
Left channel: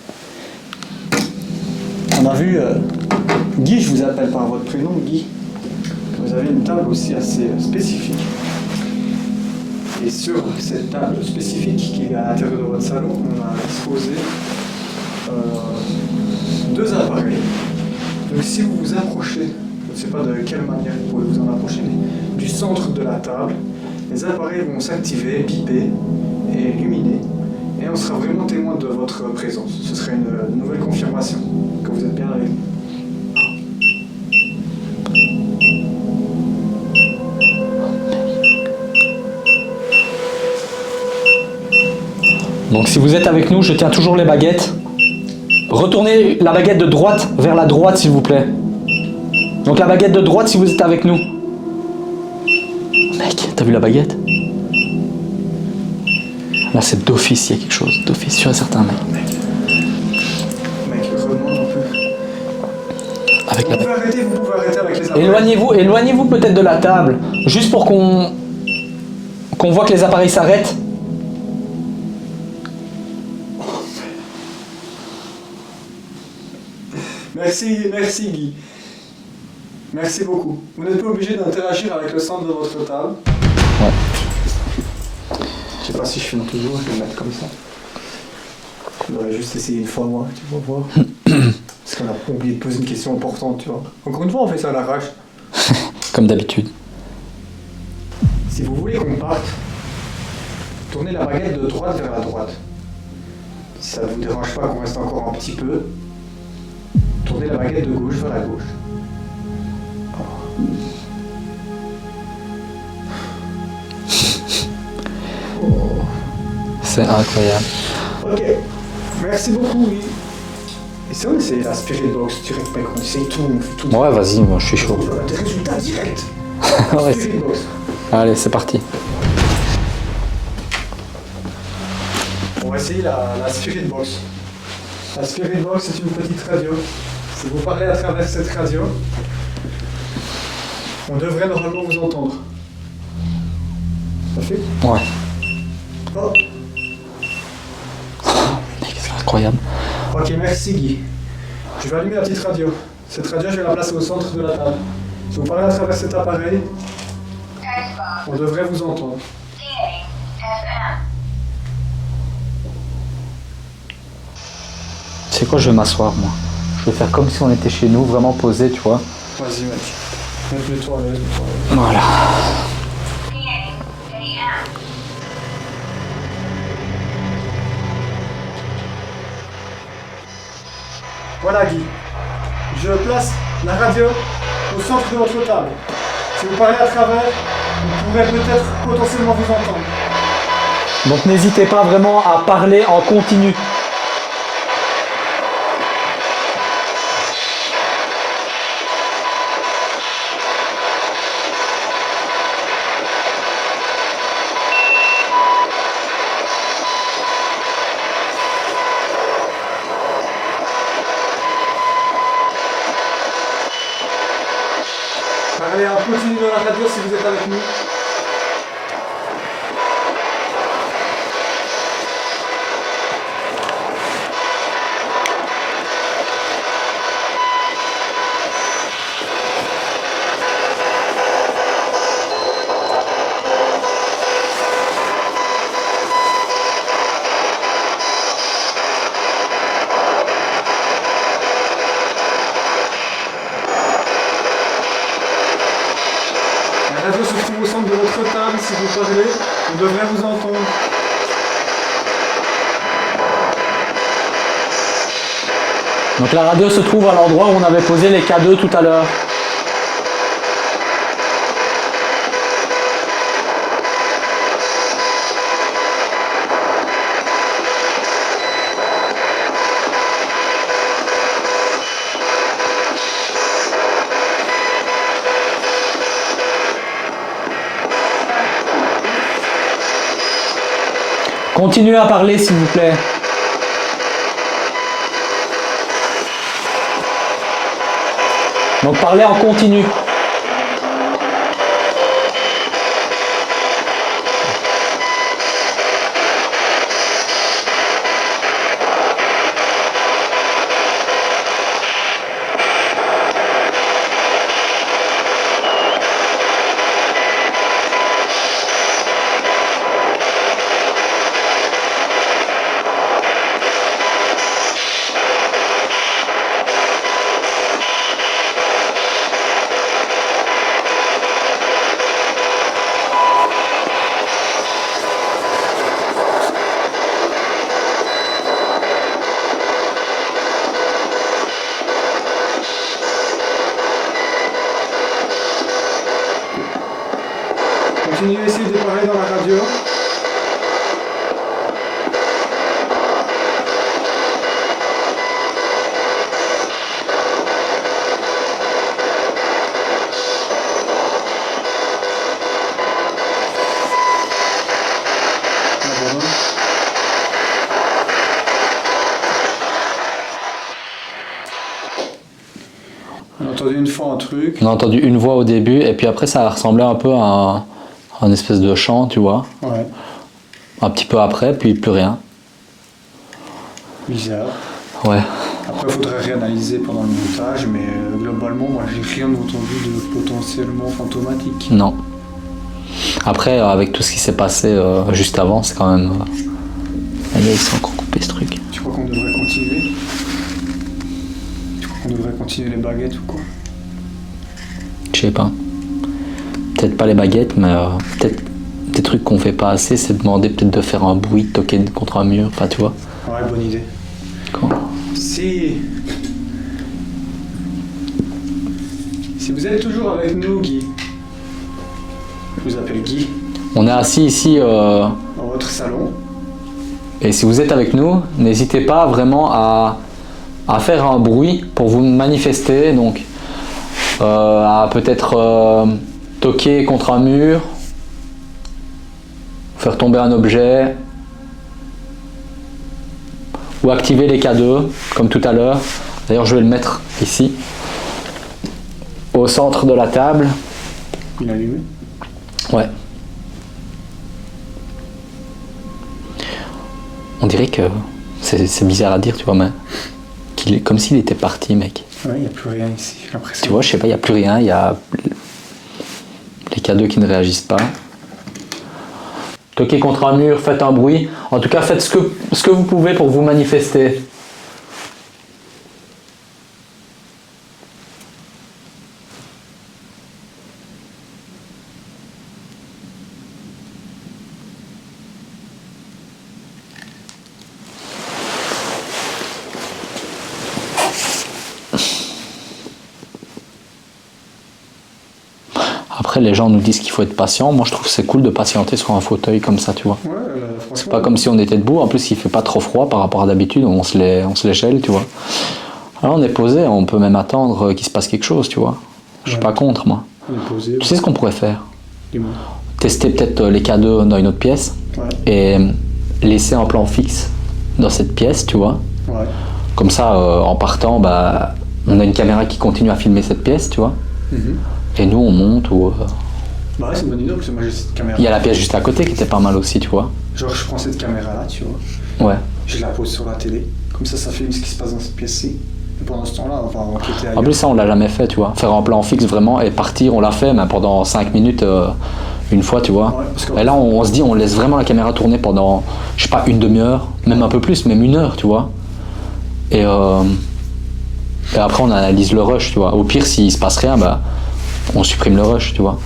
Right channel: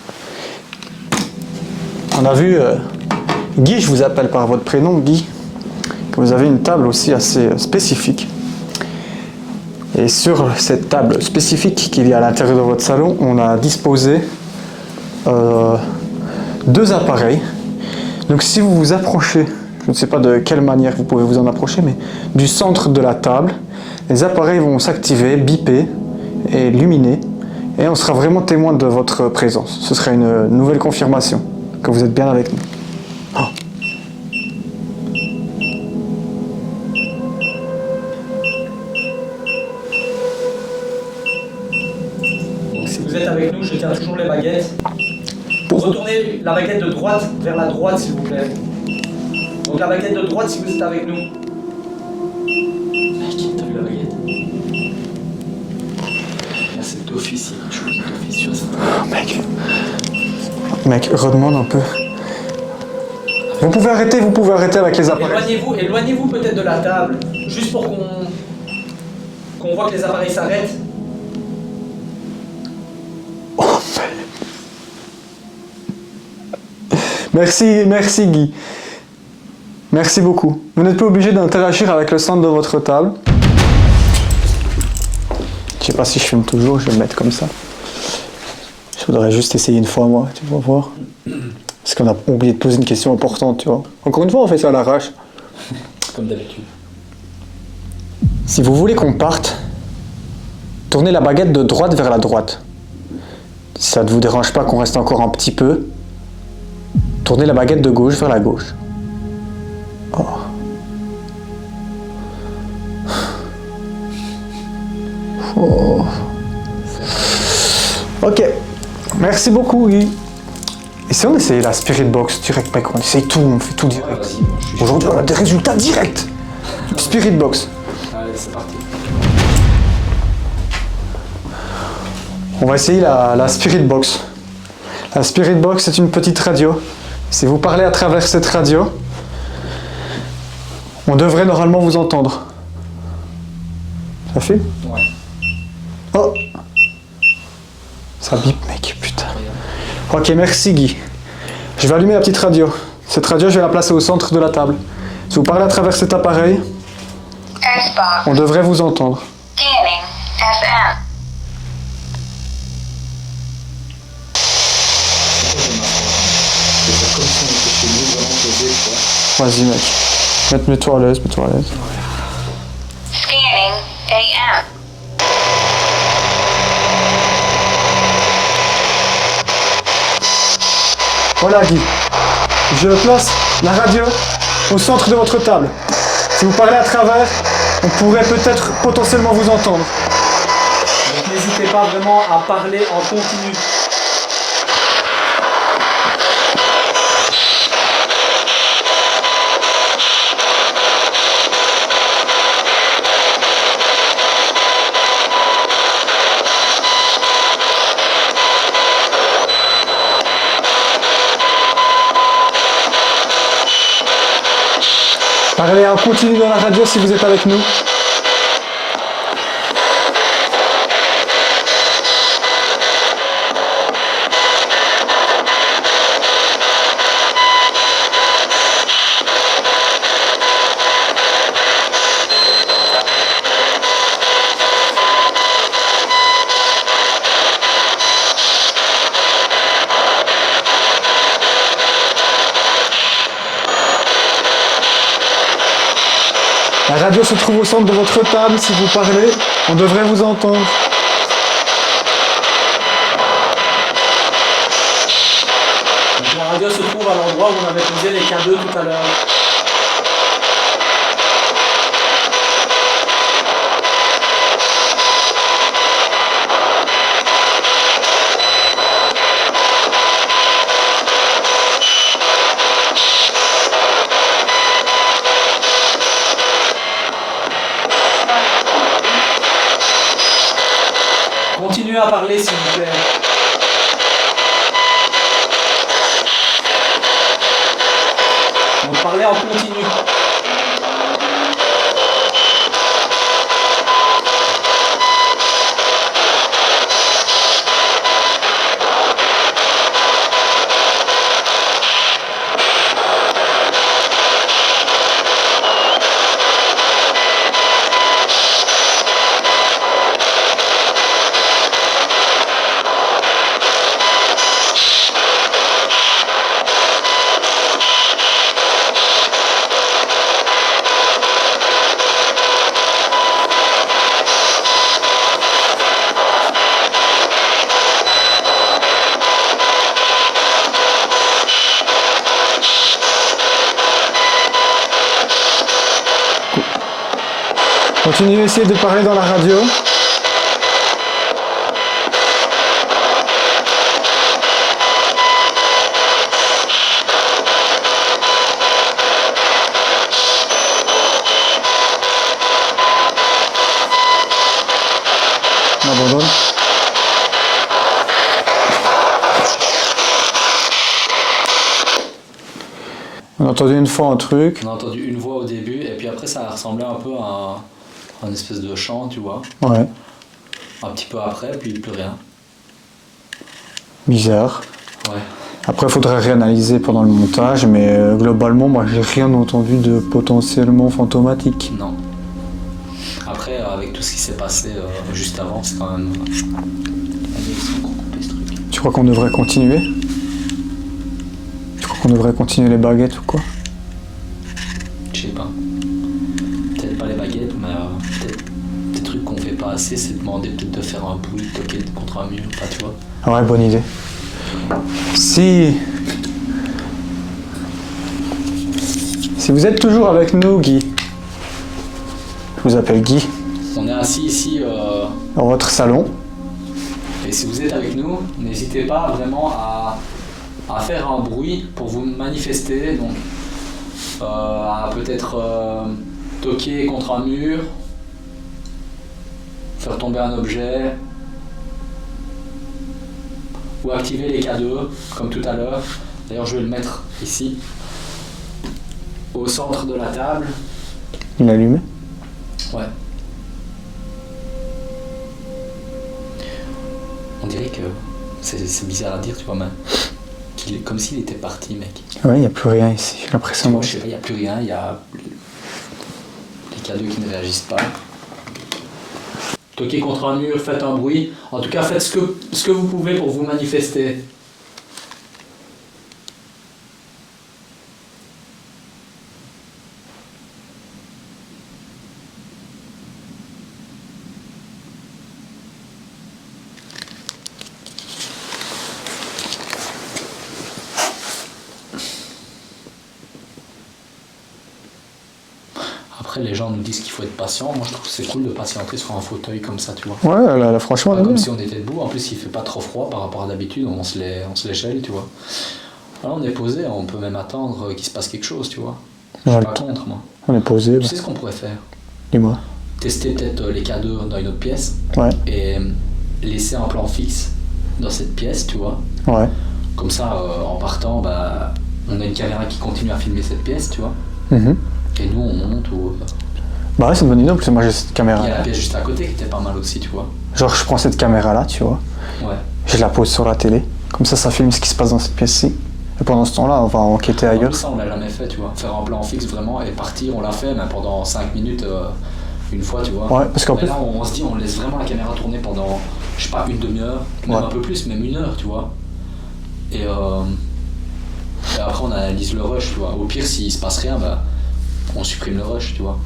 On a vu, Guy, je vous appelle par votre prénom, Guy, que vous avez une table aussi assez spécifique. Et sur cette table spécifique qu'il y a à l'intérieur de votre salon, on a disposé deux appareils. Donc si vous vous approchez, je ne sais pas de quelle manière vous pouvez vous en approcher, mais du centre de la table, les appareils vont s'activer, biper et illuminer. Et on sera vraiment témoin de votre présence. Ce sera une nouvelle confirmation que vous êtes bien avec nous. Donc si vous êtes avec nous, je tiens toujours les baguettes. Retournez la baguette de droite vers la droite, s'il vous plaît. Donc la baguette de droite si vous êtes avec nous. Mec, t'as vu la baguette? Là c'est d'office, il y a quelque chose. D'office, tu as certain. Mec, redemande un peu. Avec Vous la- pouvez arrêter avec les appareils. Éloignez-vous peut-être de la table, juste pour qu'on voit que les appareils s'arrêtent. Merci Guy. Merci beaucoup. Vous n'êtes pas obligé d'interagir avec le centre de votre table. Je sais pas si je filme toujours, je vais le mettre comme ça. Je voudrais juste essayer une fois moi, tu vas voir. Parce qu'on a oublié de poser une question importante, tu vois. Encore une fois, on fait ça à l'arrache. Comme d'habitude. Si vous voulez qu'on parte, tournez la baguette de droite vers la droite. Si ça ne vous dérange pas qu'on reste encore un petit peu, tournez la baguette de gauche vers la gauche. Oh. Oh. C'est incroyable. Ok, merci beaucoup Guy. Et si on essayait la Spirit Box direct, mec, on essaye tout, on fait tout. Ouais, vas-y, moi je suis chaud. Aujourd'hui, on a des résultats directs. Ouais. Spirit Box. Allez, c'est parti. On va essayer la Spirit Box. La Spirit Box, c'est une petite radio. Si vous parlez à travers cette radio, on devrait normalement vous entendre. Ça fait? Ouais, Oh! Ça bip, mec, putain. incroyable. Ok, merci Guy. Je vais allumer la petite radio. Cette radio, je vais la placer au centre de la table. Si vous parlez à travers cet appareil, S-Box. on devrait vous entendre. Scanning. FM. C'est quoi, je vais m'asseoir. Moi. Je vais faire comme si on était chez nous, vraiment posé, tu vois. Vas-y, mec. Mets-toi à l'aise, mets-toi à l'aise. Voilà. Scanning. AM. Voilà, Guy. Je place la radio au centre de votre table. Si vous parlez à travers, on pourrait peut-être potentiellement vous entendre. Donc n'hésitez pas vraiment à parler en continu. Parlez en continu dans la radio si vous êtes avec nous. La radio se trouve au centre de votre table. Si vous parlez, on devrait vous entendre. Donc la radio se trouve à l'endroit où on avait posé les K2 tout à l'heure. Continuez à parler s'il vous plaît. Donc parlez en continu. Continuez à essayer de parler dans la radio. Abandonne. On a entendu une fois un truc. On a entendu une voix au début et puis après ça ressemblait un peu à un espèce de chant, tu vois. Ouais. Un petit peu après, puis plus rien. Bizarre. Ouais. Après, il faudrait réanalyser pendant le montage, mais globalement, moi, j'ai rien entendu de potentiellement fantomatique. Non. Après, avec tout ce qui s'est passé juste avant, c'est quand même... Allez, ils sont encore coupés ce truc. Tu crois qu'on devrait continuer? Tu crois qu'on devrait continuer les baguettes ou quoi? Je sais pas. Peut-être pas les baguettes, mais peut-être des trucs qu'on fait pas assez, c'est demander peut-être de faire un bruit, de toquer contre un mur, pas tu vois. Ah ouais, bonne idée. Si vous êtes toujours avec nous, Guy, je vous appelle Guy, On est assis ici, dans votre salon. et si vous êtes avec nous, n'hésitez pas vraiment à faire un bruit pour vous manifester, donc à peut-être toquer contre un mur, faire tomber un objet, ou activer les K2, comme tout à l'heure. D'ailleurs, je vais le mettre ici, au centre de la table. Il est allumé. Ouais. On dirait que c'est bizarre à dire, tu vois, mais qu'il est comme s'il était parti, mec. Ouais, il n'y a plus rien ici, j'ai l'impression. Tu vois, je sais pas, il n'y a plus rien, il y a les K2 qui ne réagissent pas. Toquez contre un mur, faites un bruit. En tout cas, faites ce que vous pouvez pour vous manifester. Après, les gens nous disent qu'il faut être patient. Moi, je trouve que c'est cool de patienter sur un fauteuil comme ça, tu vois. Ouais, là, franchement. Pas là, comme si on était debout. En plus, il fait pas trop froid par rapport à d'habitude. On se les gèle, tu vois. Alors, on est posé. On peut même attendre qu'il se passe quelque chose, tu vois. Je suis Ouais. pas contre, moi. On est posé. Tu sais ce qu'on pourrait faire? Dis-moi. Tester peut-être les K2 dans une autre pièce Ouais. et laisser un plan fixe dans cette pièce, tu vois. Ouais. Comme ça, en partant, bah, on a une caméra qui continue à filmer cette pièce, tu vois. Mhm. Et nous, on monte ou... Bah ouais, c'est une bonne idée, parce que moi j'ai cette caméra. Il y a la pièce juste à côté qui était pas mal aussi, tu vois. Genre, je prends cette caméra-là, tu vois. Ouais. Je la pose sur la télé. Comme ça filme ce qui se passe dans cette pièce-ci. Et pendant ce temps-là, on va enquêter En ailleurs. plus, ça, on l'a jamais fait, tu vois. Faire un plan fixe vraiment et partir, on l'a fait, mais pendant 5 minutes, une fois, tu vois. Ouais, parce qu'en Mais plus- là, on se dit, on laisse vraiment la caméra tourner pendant, je sais pas, une demi-heure, même Ouais. un peu plus, même 1 heure, tu vois. Et après, on analyse le rush, tu vois. Au pire, s'il se passe rien, bah, on supprime le rush, tu vois.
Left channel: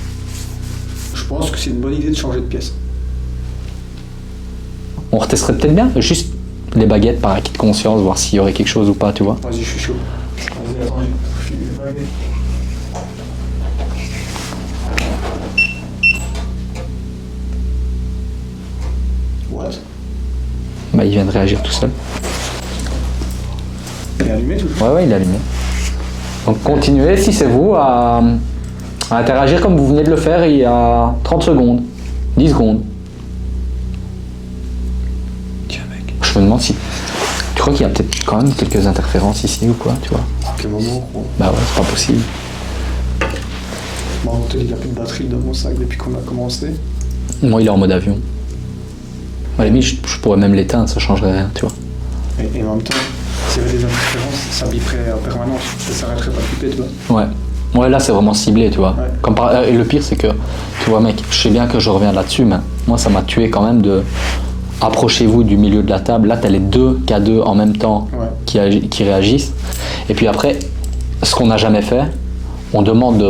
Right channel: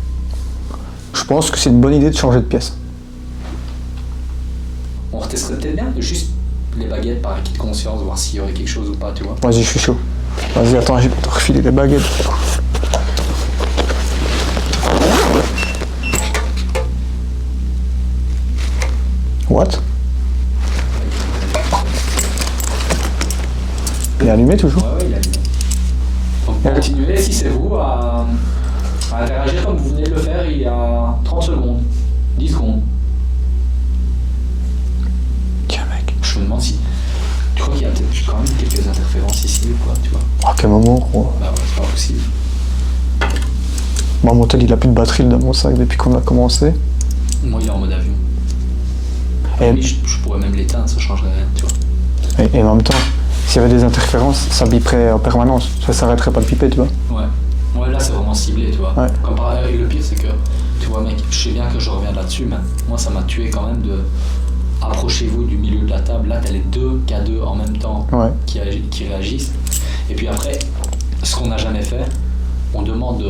Je pense que c'est une bonne idée de changer de pièce. On retesterait peut-être bien, juste les baguettes par acquis de conscience, voir s'il y aurait quelque chose ou pas, tu vois. Vas-y, je suis chaud. Vas-y, attends, je vais te refiler les baguettes. What? Bah, il vient de réagir tout seul. Il est allumé toujours? Ouais, il a allumé. Donc continuez, si c'est vous, à interagir comme vous venez de le faire il y a 30 secondes, 10 secondes. Tiens, mec. Je me demande si... Tu crois qu'il y a peut-être quand même quelques interférences ici ou quoi, tu vois? À quel moment, gros? Bah ouais, c'est pas possible. Moi, mon tel, il a plus de batterie dans mon sac depuis qu'on a commencé. Moi, il est en mode avion. À la limite, je pourrais même l'éteindre, ça changerait rien, tu vois. Et en même temps, s'il y avait des interférences, ça biperait en permanence. Ça s'arrêterait pas de biper, tu vois. Ouais. Ouais, là, c'est vraiment ciblé, tu vois. Ouais. Et le pire, c'est que, tu vois, mec, je sais bien que je reviens là-dessus, mais moi, ça m'a tué quand même de... Approchez-vous du milieu de la table. Là, t'as les deux K2 en même temps Ouais. qui réagissent. Et puis après, ce qu'on n'a jamais fait, on demande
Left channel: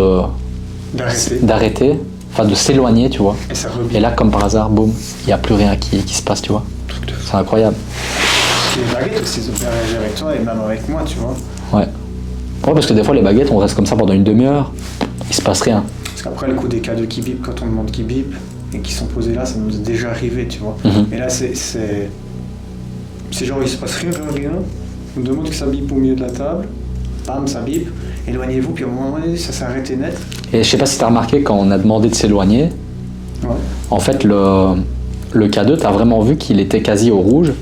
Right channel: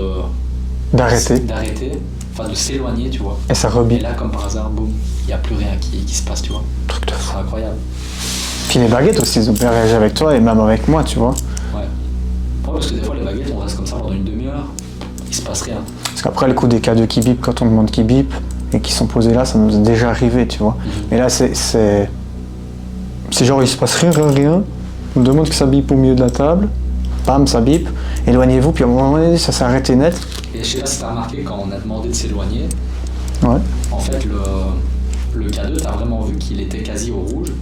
d'arrêter, enfin de s'éloigner, tu vois. Et ça Et rebip. là, comme par hasard, boum, il n'y a plus rien qui se passe, tu vois. Truc de fou. C'est incroyable. Puis les baguettes aussi, ils ont bien réagi avec toi et même avec moi, tu vois. Ouais. Ouais, parce que des fois, les baguettes, on reste comme ça pendant une demi-heure, il se passe rien. Parce qu'après, le coup des K2 qui bipent, quand on demande qu'ils bipent et qui sont posés là, ça nous est déjà arrivé, tu vois. Mhm. Et là, c'est genre, il se passe rien. On demande que ça bip au milieu de la table. Bam, ça bip. Éloignez-vous, puis à un moment donné, ça s'est arrêté net. Et je sais pas si t'as remarqué, quand on a demandé de s'éloigner, Ouais. en fait, le K2, t'as vraiment vu qu'il était quasi au rouge.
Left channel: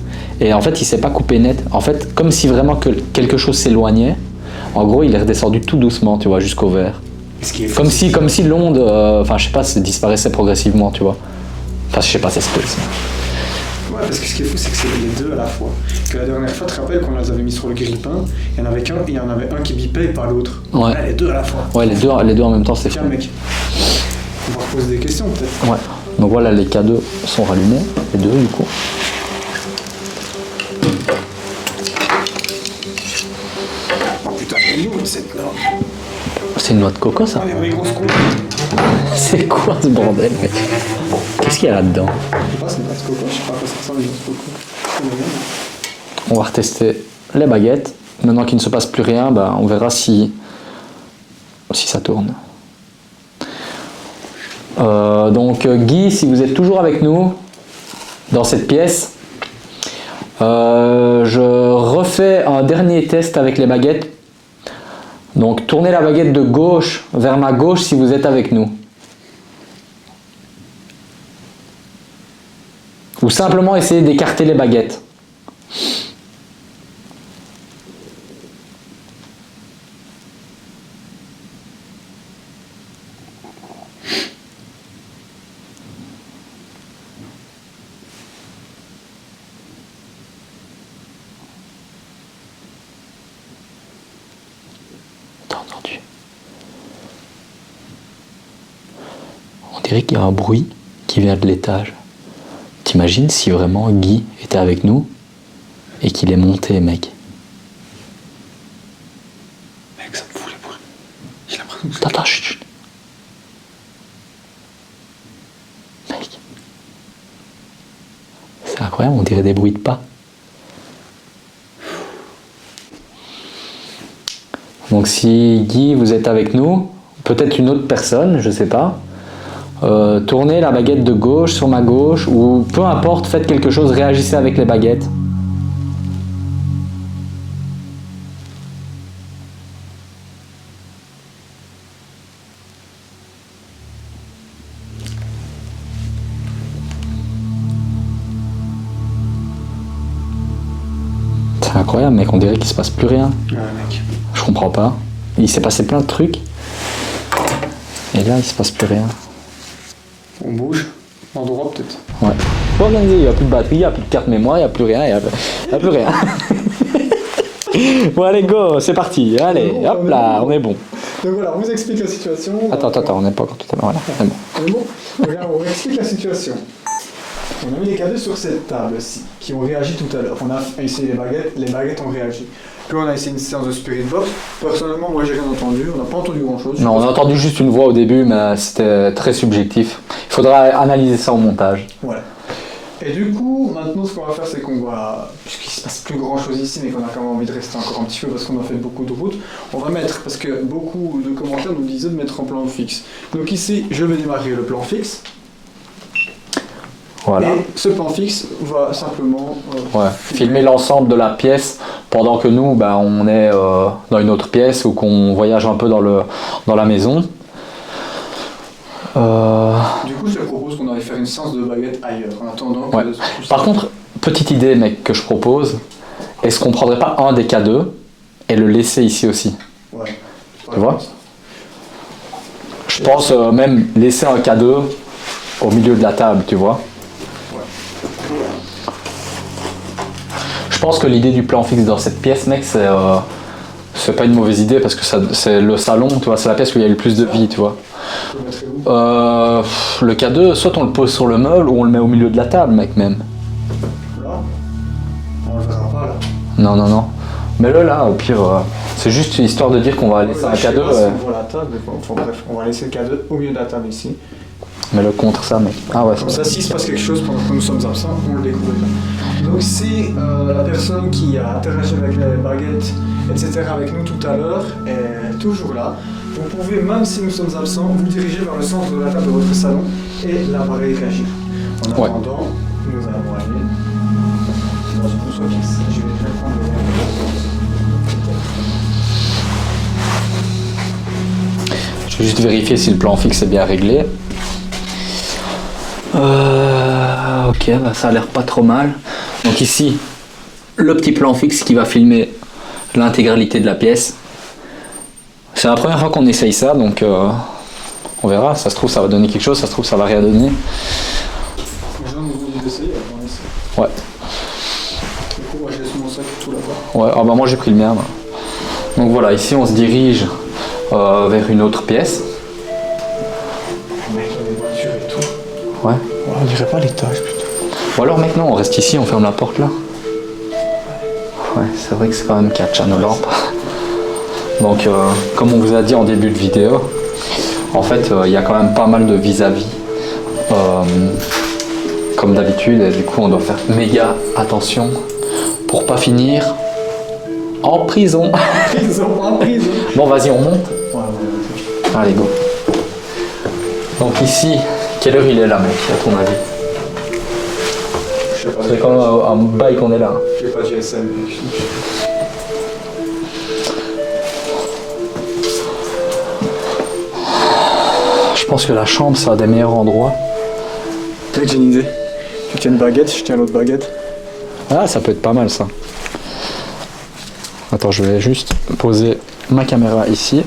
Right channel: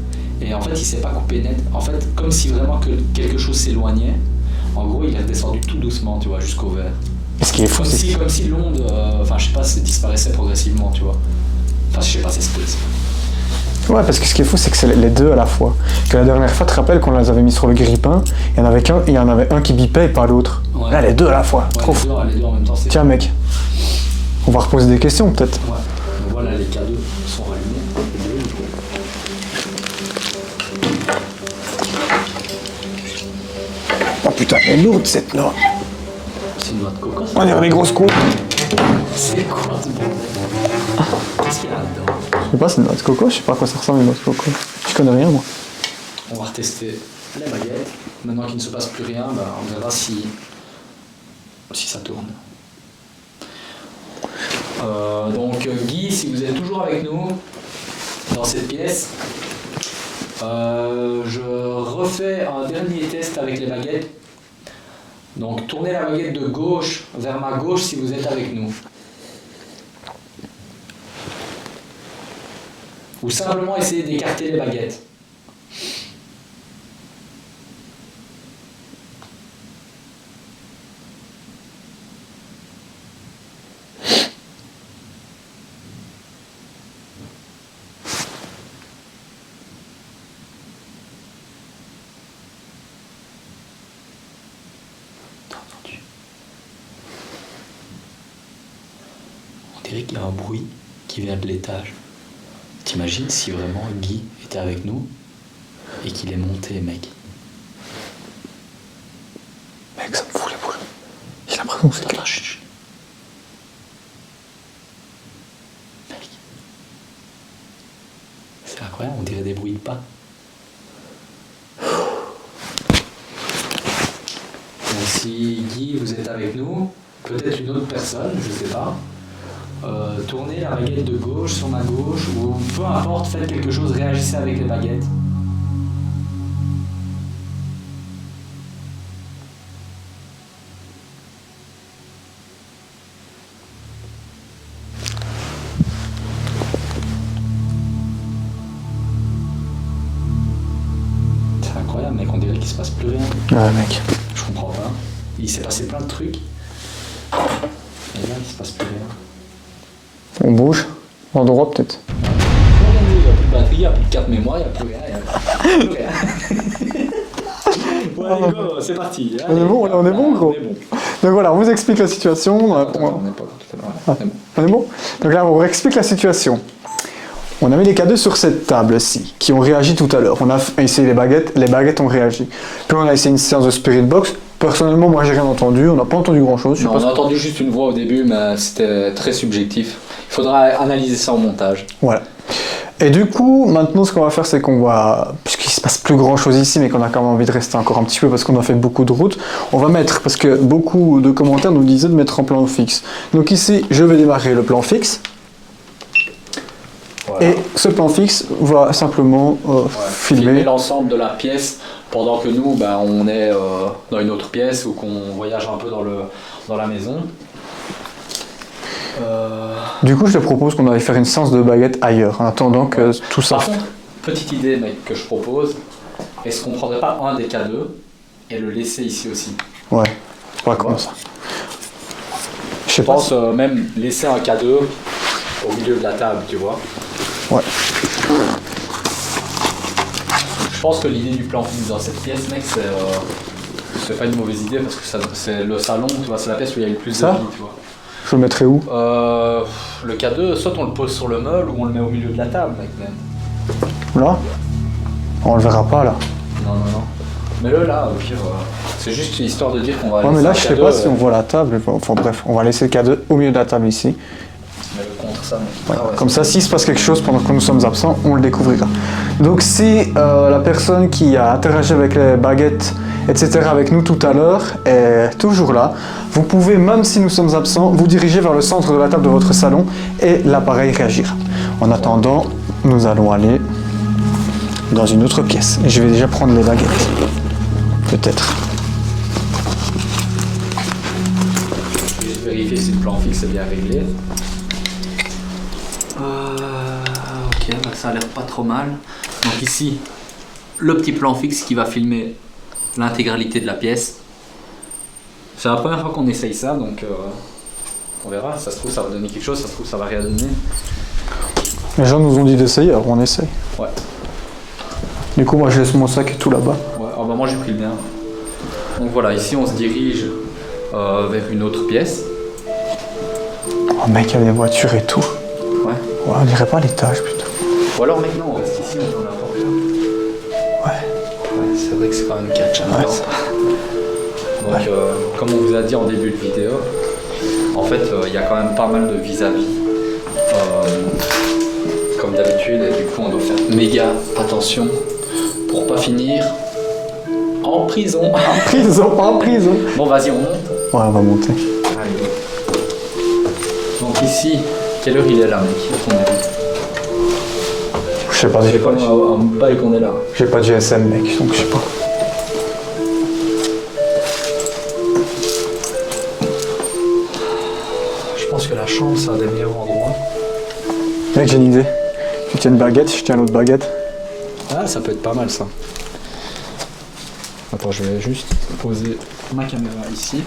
Et en fait, il s'est pas coupé net. En fait, comme si vraiment que quelque chose s'éloignait, en gros, il est redescendu tout doucement, tu vois, jusqu'au vert. Et ce qui est fou, c'est Comme si l'onde, enfin, je sais pas, disparaissait progressivement, tu vois. Enfin, je sais pas, ça se peut. Ouais, parce que ce qui est fou, c'est que c'est les deux à la fois. Que la dernière fois, tu te rappelles, qu'on les avait mis sur le grille-pain, il y en avait un qui bipait et pas l'autre. Ouais. Là, les deux à la fois. Ouais, les deux en même temps, c'est Tiens, fou. mec, on va reposer des questions, peut-être. Ouais. Donc voilà, les K2 sont rallumés, les deux du coup. Oh putain, elle est lourde, cette noix. C'est une noix de coco, ça? On dirait des grosses coups. C'est quoi ce bordel? Qu'est-ce qu'il y a là-dedans? Je sais pas, c'est une noix de coco, je sais pas à quoi ça ressemble, une noix de coco. Je connais rien, moi. On va retester les baguettes. Maintenant qu'il ne se passe plus rien, bah, on verra si ça tourne. Donc Guy, si vous êtes toujours avec nous dans cette pièce, je refais un dernier test avec les baguettes. Donc tournez la baguette de gauche vers ma gauche si vous êtes avec nous. Ou simplement essayez d'écarter les baguettes. T'as entendu? On dirait qu'il y a un bruit qui vient de l'étage. T'imagines si vraiment Guy était avec nous et qu'il est monté, mec? Mec, ça me fout les boules. J'ai l'impression que c'est... Attends, chut, chut. Mec. C'est incroyable, on dirait des bruits de pas. Donc si Guy, vous êtes avec nous, vous peut-être une autre personne, je sais pas. Tournez la baguette de gauche sur ma gauche, ou peu importe, faites quelque chose, réagissez avec les baguettes. C'est incroyable, mec, on dirait qu'il se passe plus rien. Ouais, mec. Je comprends pas. Il s'est passé plein de trucs. Et là, il se passe plus rien. On bouge. En droit, peut-être. Ouais. Faut organiser, il n'y a plus de batterie, il n'y a plus de carte mémoire, il n'y a plus rien, il n'y a plus rien. Bon, allez, go, c'est parti. Allez, bon, hop on est là, bon, gros. on est bon. Donc voilà, on vous explique la situation. Attends, on n'est pas encore tout à l'heure. Voilà, c'est bon. On est bon. Donc là, on vous explique la situation. On a mis les cadeaux sur cette table-ci, qui ont réagi tout à l'heure. On a essayé les baguettes ont réagi. Puis on a essayé une séance de Spirit Box. Personnellement, moi, j'ai rien entendu. On n'a pas entendu grand-chose. Non, on a entendu juste une voix au début, mais c'était très subjectif. Il faudra analyser ça au montage. Voilà. Et du coup, maintenant, ce qu'on va faire, c'est qu'on va, puisqu'il se passe plus grand-chose ici, mais qu'on a quand même envie de rester encore un petit peu parce qu'on a fait beaucoup de routes, on va mettre, parce que beaucoup de commentaires nous disaient de mettre en plan fixe. Donc ici, je vais démarrer le plan fixe. Voilà. Et ce plan fixe va simplement Filmer l'ensemble de la pièce pendant que nous, on est dans une autre pièce ou qu'on voyage un peu dans la maison. Du coup, je te propose qu'on aille faire une séance de baguettes ailleurs, en attendant que tout ça... Par contre, petite idée, mec, que je propose, est-ce qu'on prendrait pas un des K2 et le laisser ici aussi? Ouais, pas Tu comme vois ça. Je pense même laisser un K2 au milieu de la table, tu vois. Ouais. Je pense que l'idée du plan fixe dans cette pièce, mec, c'est pas une mauvaise idée parce que c'est le salon, tu vois, c'est la pièce où il y a le plus de Ça vie, tu vois. Je le mettrai où? Le K2, soit on le pose sur le meuble ou on le met au milieu de la table, mec, même. Là? On le verra pas, là. Non. Mets-le là, au pire, c'est juste histoire de dire qu'on va Ouais, mais laisser là, un je sais K2. pas si on voit la table. Enfin bref, on va laisser le cadeau au milieu de la table ici. Mets-le contre ça, mec. Ah ouais, Comme ça, s'il se passe quelque chose pendant que nous sommes absents, on le découvrira. Donc si la personne qui a interagi avec les baguettes, etc. avec nous tout à l'heure est toujours là, vous pouvez, même si nous sommes absents, vous diriger vers le centre de la table de votre salon et l'appareil réagira. En attendant, nous allons aller dans une autre pièce. Et je vais déjà prendre les baguettes. Peut-être. Je vais juste vérifier si le plan fixe est bien réglé. Ok, ça a l'air pas trop mal. Donc ici, le petit plan fixe qui va filmer l'intégralité de la pièce. C'est la première fois qu'on essaye ça, donc on verra. Ça se trouve, ça va donner quelque chose, ça se trouve, ça va rien donner. Les gens nous ont dit d'essayer, alors on essaie. Ouais. Du coup, moi, je laisse mon sac tout là-bas. Ouais, moi j'ai pris le mien. Donc voilà, ici on se dirige vers une autre pièce. Oh mec, il y a des voitures et tout. Ouais. On dirait pas l'étage, putain. Ou alors maintenant on reste ici, on ferme la porte là. Ouais, c'est vrai que c'est quand même catch à nos lampes. Donc comme on vous a dit en début de vidéo, en fait il y a quand même pas mal de vis-à-vis. Comme d'habitude, et du coup on doit faire méga attention pour pas finir en prison. En prison. Bon vas-y on monte. Ouais, on va monter. Allez go. Donc ici, quelle heure il est là mec à ton avis? Je sais pas, C'est quand même un bail qu'on est là. j'ai pas de GSM, mec, donc je sais pas. Je pense que la chambre c'est un des meilleurs endroits. Mec, j'ai une idée. Tu tiens une baguette, je tiens l'autre baguette. Ah, ça peut être pas mal ça. Attends, je vais juste poser ma caméra ici.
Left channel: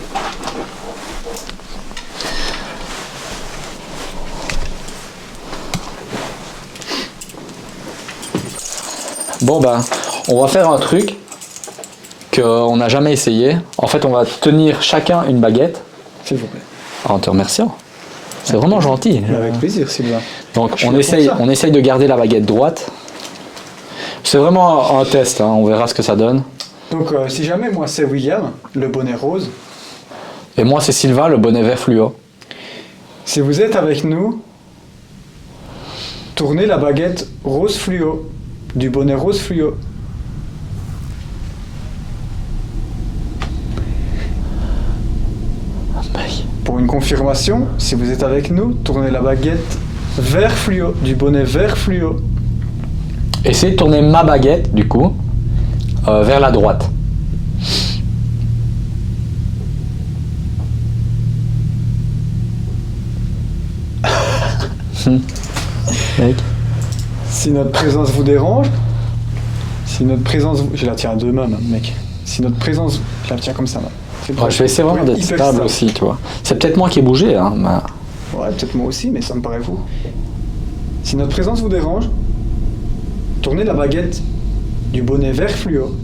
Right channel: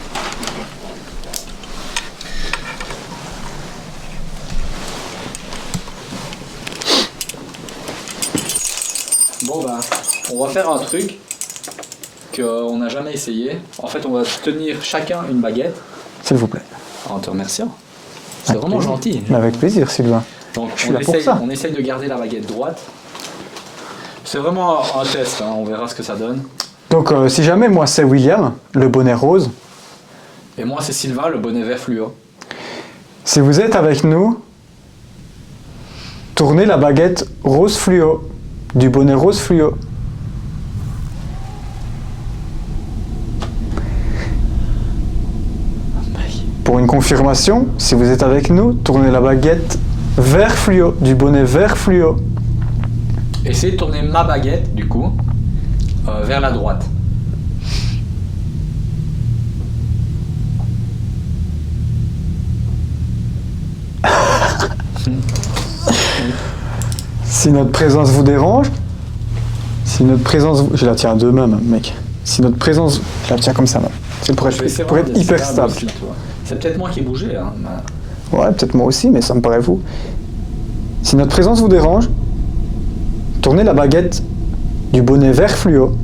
Bon bah, on va faire un truc qu'on n'a jamais essayé. En fait, on va tenir chacun une baguette. S'il vous plaît. En te remerciant. C'est vraiment gentil. Avec plaisir, Sylvain. Donc Je suis on là pour essaye, ça. on essaye de garder la baguette droite. C'est vraiment un test, hein, on verra ce que ça donne. Donc, si jamais, moi, c'est William, le bonnet rose. Et moi c'est Sylvain, le bonnet vert fluo. Si vous êtes avec nous, tournez la baguette rose fluo, du bonnet rose fluo. Pour une confirmation, si vous êtes avec nous, tournez la baguette vert fluo, du bonnet vert fluo. Essayez de tourner ma baguette, du coup, vers la droite. Si notre présence vous dérange, je la tiens à deux mains, même, mec. Si notre présence, je la tiens comme ça, même. C'est le Je vais essayer pour vraiment être d'être hyper stable stable. aussi, tu vois. C'est peut-être moi qui ai bougé, hein. Mais... Ouais, peut-être moi aussi, mais ça me paraît fou. Si notre présence vous dérange, tournez la baguette du bonnet vert fluo.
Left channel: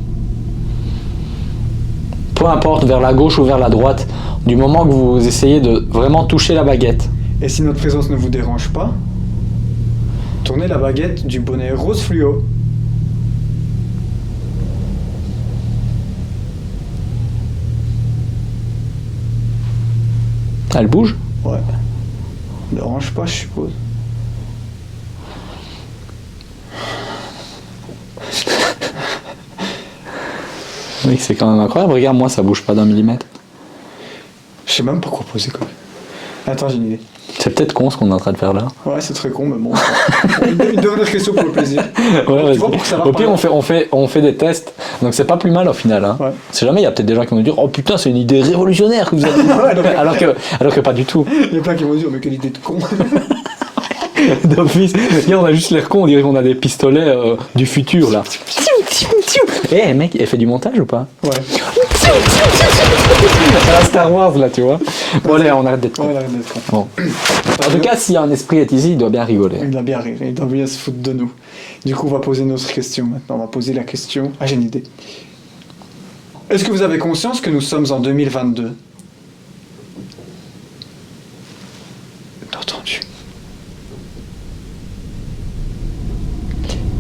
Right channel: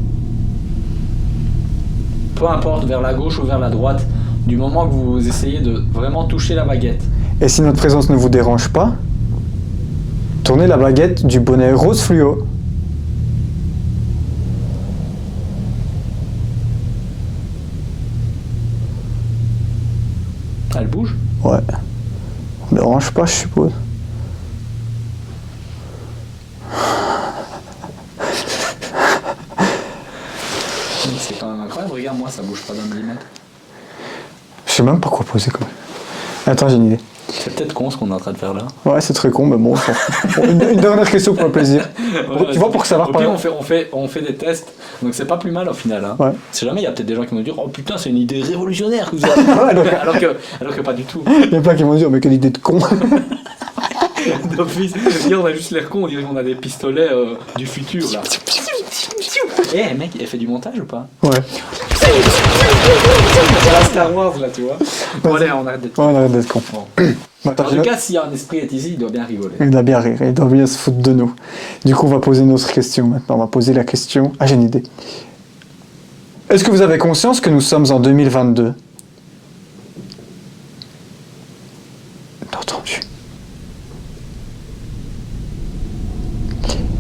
Peu importe, vers la gauche ou vers la droite, du moment que vous essayez de vraiment toucher la baguette. Et si notre présence ne vous dérange pas, tournez la baguette du bonnet rose fluo. Elle bouge? Ouais. Ne dérange pas, je suppose. Mec, c'est quand même incroyable. Regarde, moi, ça bouge pas d'un millimètre. Je sais même pas quoi poser, quoi. Attends, j'ai une idée. C'est peut-être con ce qu'on est en train de faire là. Ouais, c'est très con, mais bon. Une dernière question pour le plaisir. Ouais, Tu vois, pour que ça va Au pas- pire, on fait des tests, donc c'est pas plus mal au final. Hein. Ouais. Si jamais il y a peut-être des gens qui vont dire, oh putain, c'est une idée révolutionnaire que vous avez. Ouais, donc- alors que pas du tout. Les plats qui vont dire, mais quelle idée de con. D'office. Hier, on a juste l'air con, on dirait qu'on a des pistolets du futur là. Eh mec, elle fait du montage ou pas? Ouais. C'est la Star Wars là, tu vois. Bon, allez, on arrête d'être con. Ouais, ouais, d'être con. Bon. En tout cas, s'il y a un esprit est ici, il doit bien rigoler. Il doit bien rire, il doit bien se foutre de nous. Du coup, on va poser notre question maintenant. On va poser la question. Ah, j'ai une idée. Est-ce que vous avez conscience que nous sommes en 2022? Entendu.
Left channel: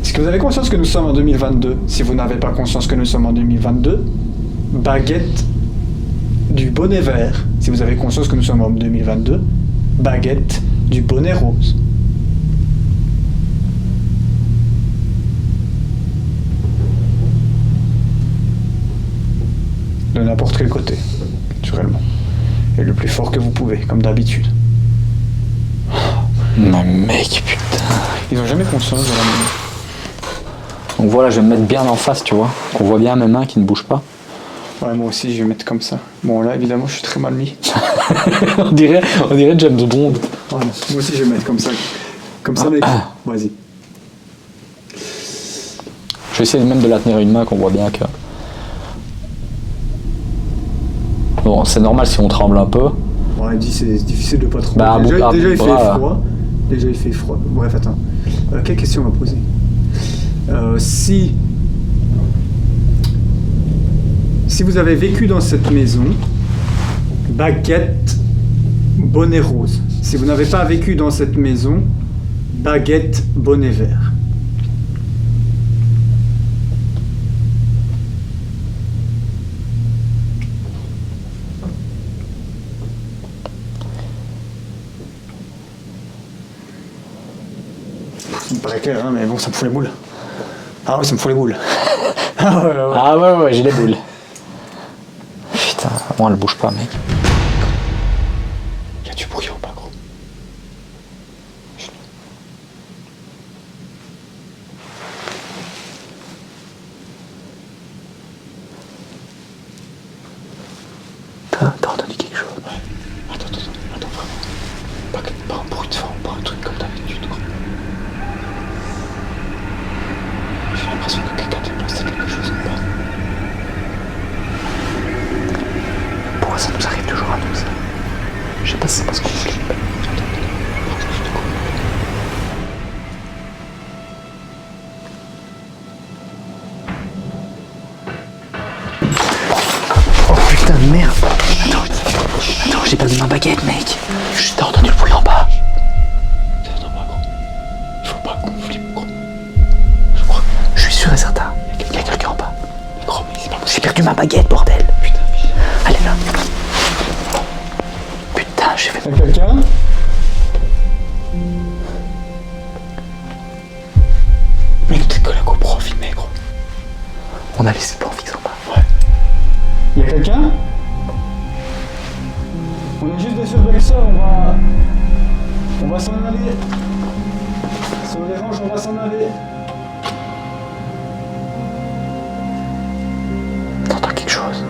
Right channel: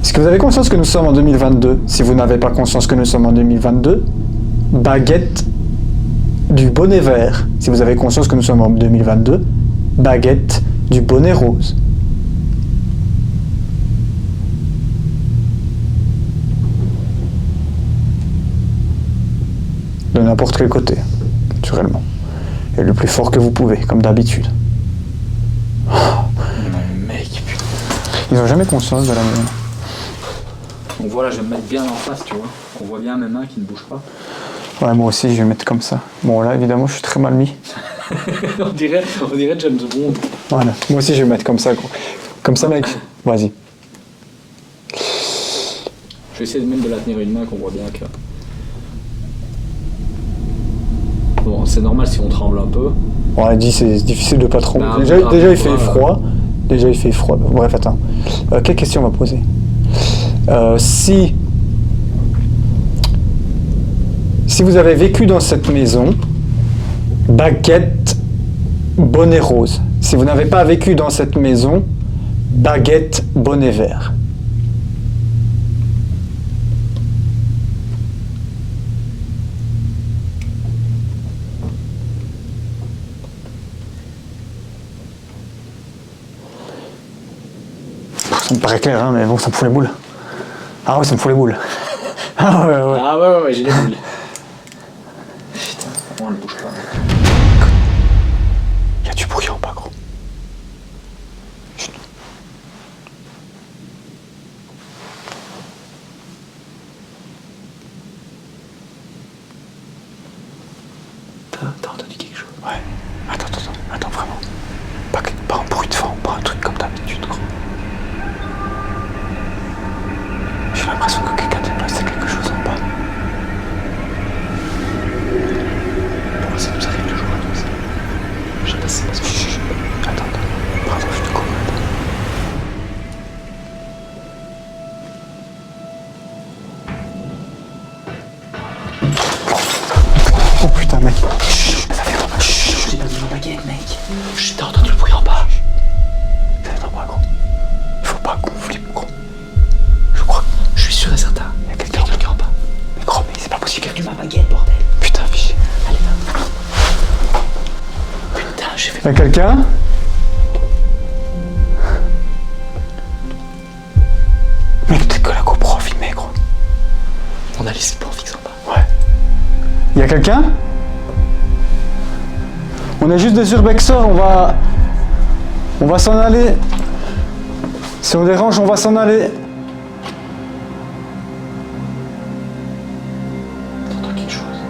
Est-ce que vous avez conscience que nous sommes en 2022? Si vous n'avez pas conscience que nous sommes en 2022, baguette du bonnet vert. Si vous avez conscience que nous sommes en 2022, baguette du bonnet rose. De n'importe quel côté, naturellement. Et le plus fort que vous pouvez, comme d'habitude. Mais mec, putain. Ils n'ont jamais conscience de la Donc voilà, je vais me mettre bien en face, tu vois. Qu'on voit bien mes mains qui ne bougent pas. Ouais, moi aussi, je vais mettre comme ça. Bon, là, évidemment, je suis très mal mis. on dirait James Bond. Voilà. Moi aussi, je vais mettre comme ça. Comme ça, mec. Vas-y. Je vais essayer même de la tenir une main qu'on voit bien que... Bon, c'est normal si on tremble un peu. On a dit, c'est difficile de pas trop. Bah, déjà, bon, déjà, il bras, fait froid. Déjà, il fait froid. Bref, attends. Quelle question on va poser? Si vous avez vécu dans cette maison, baguette, bonnet rose. Si vous n'avez pas vécu dans cette maison, baguette, bonnet vert. Ça me paraît clair, hein, mais bon, ça me fout les boules. Ah ouais, ça me fout les boules. Ah ouais, ouais. Ah ouais, j'ai les boules. Putain, moi elle bouge pas, mec. Y a du bruit en bas, gros. Chut. T'as entendu quelque chose? Ouais. Attends, vraiment. Pas un bruit de fond, pas un truc comme d'habitude, gros. J'ai l'impression que quelqu'un déplace quelque chose en bas. Pourquoi ça nous arrive toujours à nous ça? Je sais pas si c'est parce qu'on est... Attends, pardon, je te coupe. Putain, merde. Attends, j'ai perdu ma baguette, mec. T'as entendu le bruit en bas? Attends, pas gros. Il faut pas qu'on flippe, gros. Je crois. Je suis sûr et certain. Il y a quelqu'un en bas. Mais gros, mais c'est pas possible. J'ai perdu ma baguette, bordel. Putain, fiche. Allez là. Putain, j'ai fait... Y'a quelqu'un? Mais peut-être que la GoPro filmait, gros. On a laissé le plan fixe en bas. Y'a quelqu'un? On est juste des urbexeurs, on va s'en aller. Si on dérange, on va s'en aller. T'entends quelque chose?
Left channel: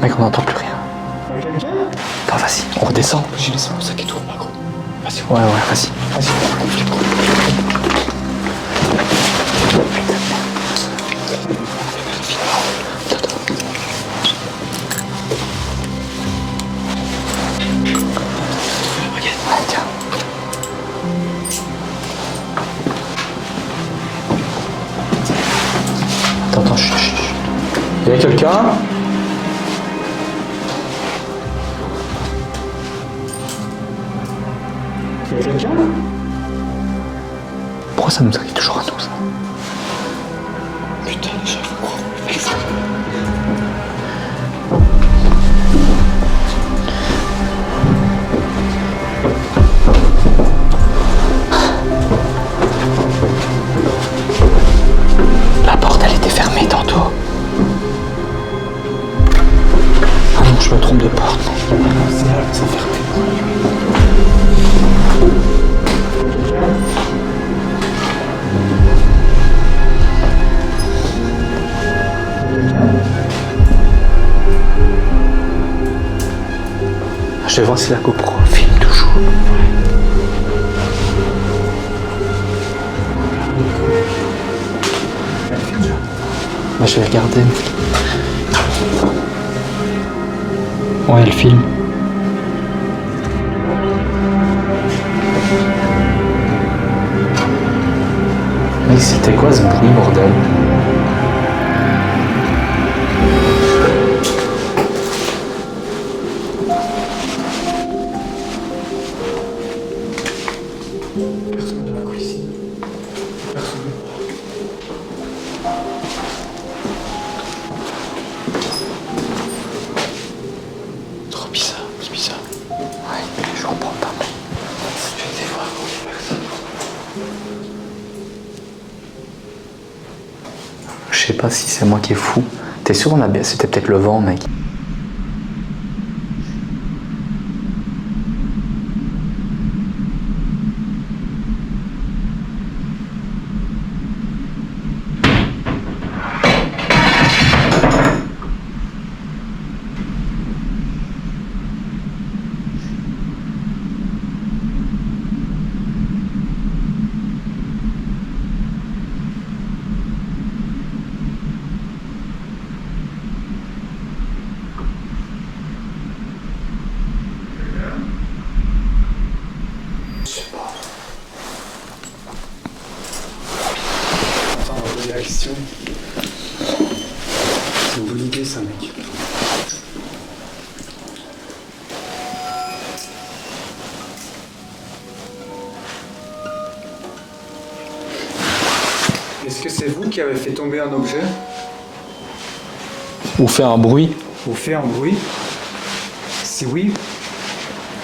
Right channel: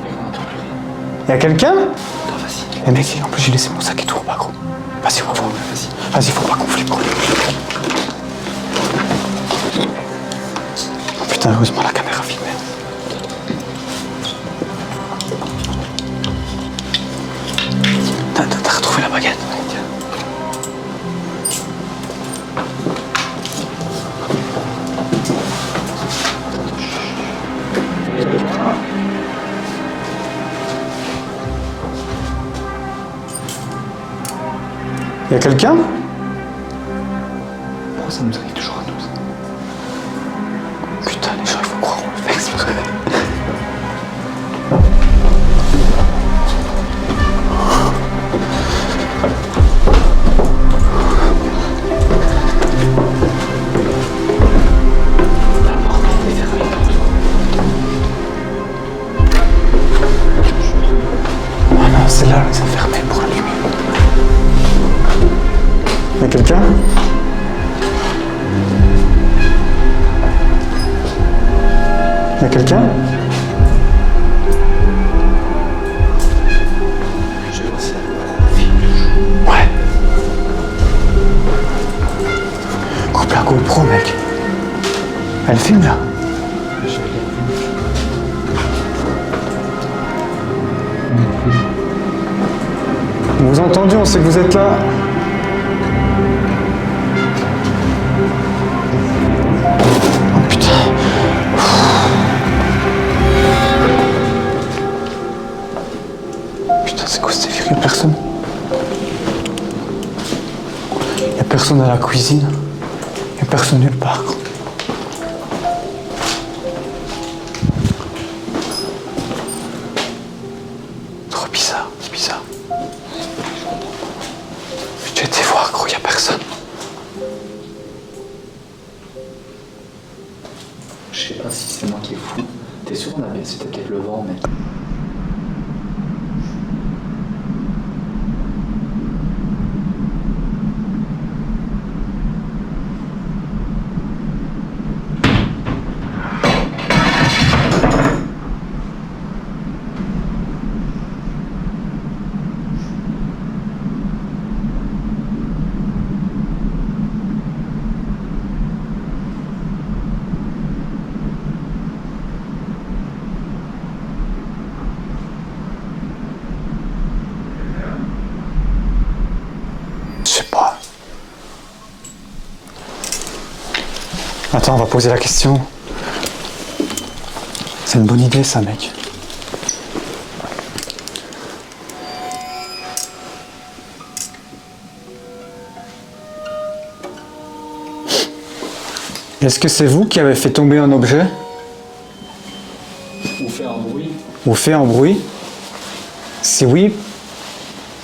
Mec, on n'entend plus rien. Y'a quelqu'un? Ah, vas-y, on descend. J'ai laissé mon sac et tout, pas gros. Vas-y, ouais, vas-y. Vas-y. Oh, putain, heureusement la caméra filme. T'as retrouvé la baguette? Tiens. Attends, chut. Il y a quelqu'un? Y'a quelqu'un? Pourquoi ça nous arrive toujours à nous, ça? Putain, les gens, il faut croire au mec, c'est vrai. La porte, elle était fermée tantôt. Ah non, je me trompe de porte. Ah non, c'est là, elle s'est fermée pour la nuit. Y'a quelqu'un? Y'a quelqu'un? Je vais voir si la GoPro filme toujours. Ouais. Coupe la GoPro, mec. Elle filme là. Bah, je vais regarder. Ouais, elle filme. On vous a entendu, on sait que vous êtes là. Mais c'était quoi ce bruit? Putain. Putain, c'est quoi cette vieux? Y'a personne. Y'a personne à la cuisine. Y'a personne nulle part. Trop bizarre, c'est bizarre. Ouais, je comprends pas. Tu as été voir, gros, y'a personne. Je sais pas si c'est moi qui est fou. T'es sûr on a bien... C'était peut-être le vent, mec. Je sais pas. Attends, on va poser la question. C'est une bonne idée, ça, mec. Est-ce que c'est vous qui avez fait tomber un objet? Ou fait un bruit. Ou fait un bruit? Si oui,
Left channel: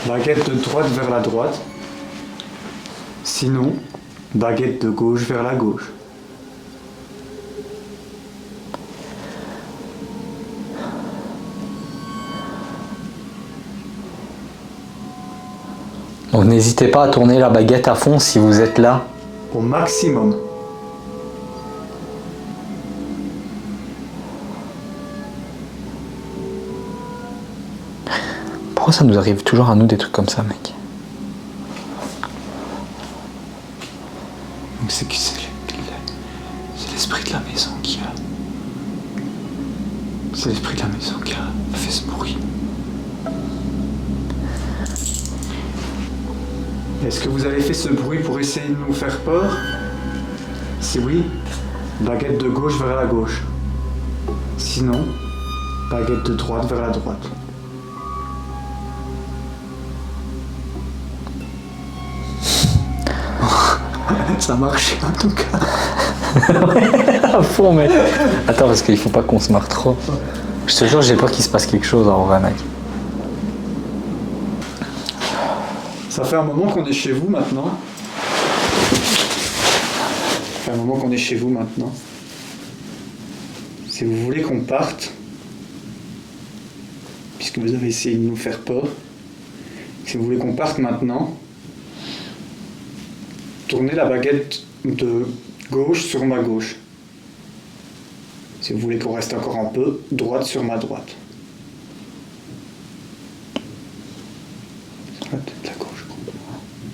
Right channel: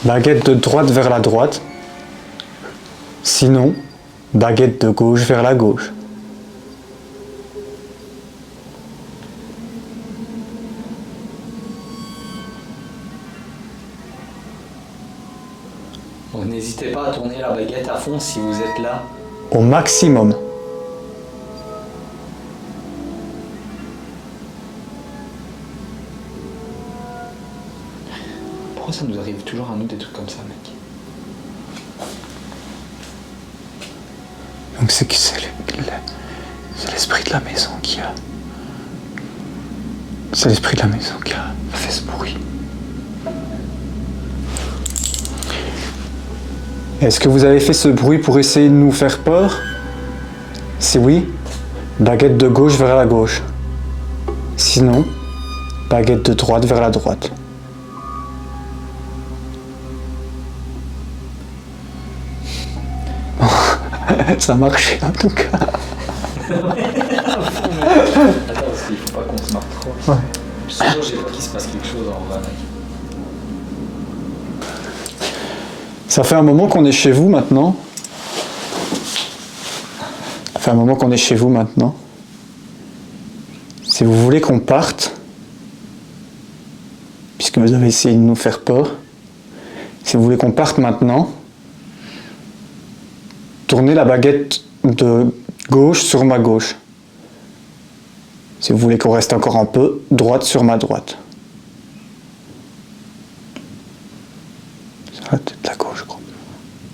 baguette de droite vers la droite. Sinon, baguette de gauche vers la gauche. Donc n'hésitez pas à tourner la baguette à fond si vous êtes là. Au maximum. Pourquoi ça nous arrive toujours à nous des trucs comme ça, mec? Donc c'est l'esprit de la maison qui a... C'est l'esprit de la maison qui a fait ce bruit. Est-ce que vous avez fait ce bruit pour essayer de nous faire peur? Si oui, baguette de gauche vers la gauche. Sinon, baguette de droite vers la droite. Ça marche en tout cas. À fond, mec. Attends, parce qu'il faut pas qu'on se marre trop. Je te jure, j'ai peur qu'il se passe quelque chose en vrai, mec. Ça fait un moment qu'on est chez vous maintenant. Ça fait un moment qu'on est chez vous maintenant. Si vous voulez qu'on parte, puisque vous avez essayé de nous faire peur, Si vous voulez qu'on parte maintenant, tournez la baguette de gauche sur ma gauche. Si vous voulez qu'on reste encore un peu, droite sur ma droite. Sur la tête de la gauche, quoi.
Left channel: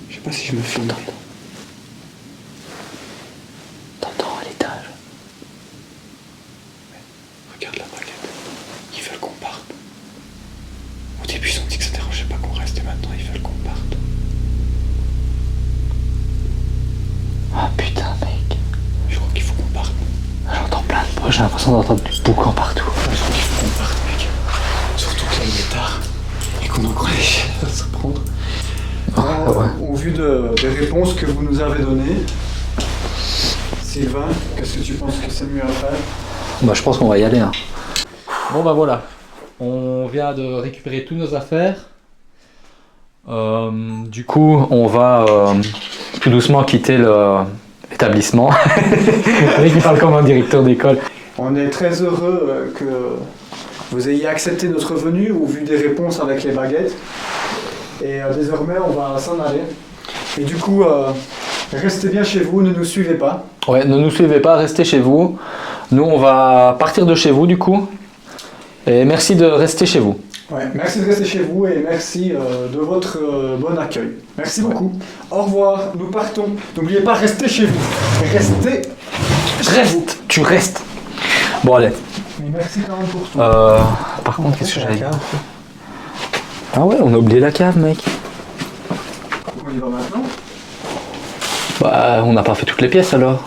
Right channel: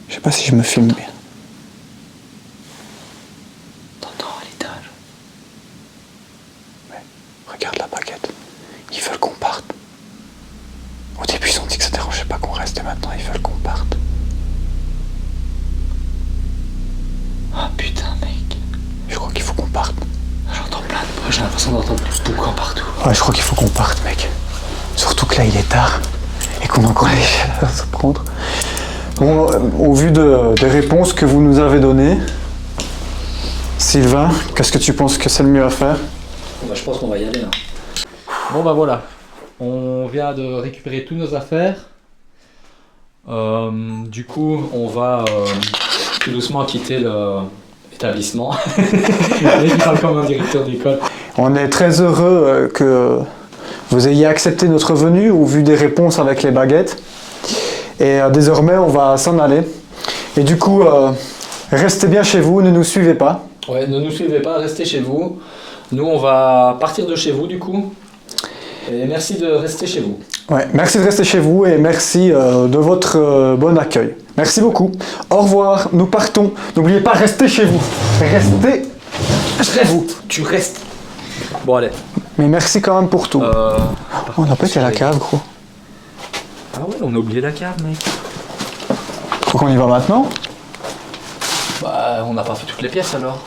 Je sais pas si je me filme bien. T'entends à l'étage? Ouais, regarde la baguette. Ils veulent qu'on parte. Au début, ils ont dit que ça dérangeait pas qu'on reste, et maintenant ils veulent qu'on parte. Ah putain, mec. Je crois qu'il faut qu'on parte. J'entends plein de bruit, j'ai l'impression d'entendre du boucan partout. Ouais, je crois qu'il faut qu'on parte, mec. Surtout que là, il est tard et qu'on a encore des échelles à se prendre. Bon, au vu des réponses que vous nous avez données, Sylvain, qu'est-ce que tu penses que c'est le mieux à faire? Bah, je pense qu'on va y aller. Hein. Bon bah voilà, on vient de récupérer toutes nos affaires. Du coup, on va tout doucement quitter l'établissement. Il parle comme un directeur d'école. On est très heureux que vous ayez accepté notre venue au vu des réponses avec les baguettes. Et désormais, on va s'en aller. Et du coup, restez bien chez vous, ne nous suivez pas. Ouais, ne nous suivez pas, restez chez vous. Nous, on va partir de chez vous du coup. Et merci de rester chez vous. Ouais, merci de rester chez vous et merci de votre bon accueil. Merci beaucoup. Au revoir, nous partons. N'oubliez pas, restez chez vous. Restez. Je reste. Tu restes. Bon, allez. Mais merci quand même pour tout. Par On contre, a pas fait la cave, gros. Ah ouais, on a oublié la cave, mec. Faut qu'on y va maintenant? Bah, on n'a pas fait toutes les pièces alors.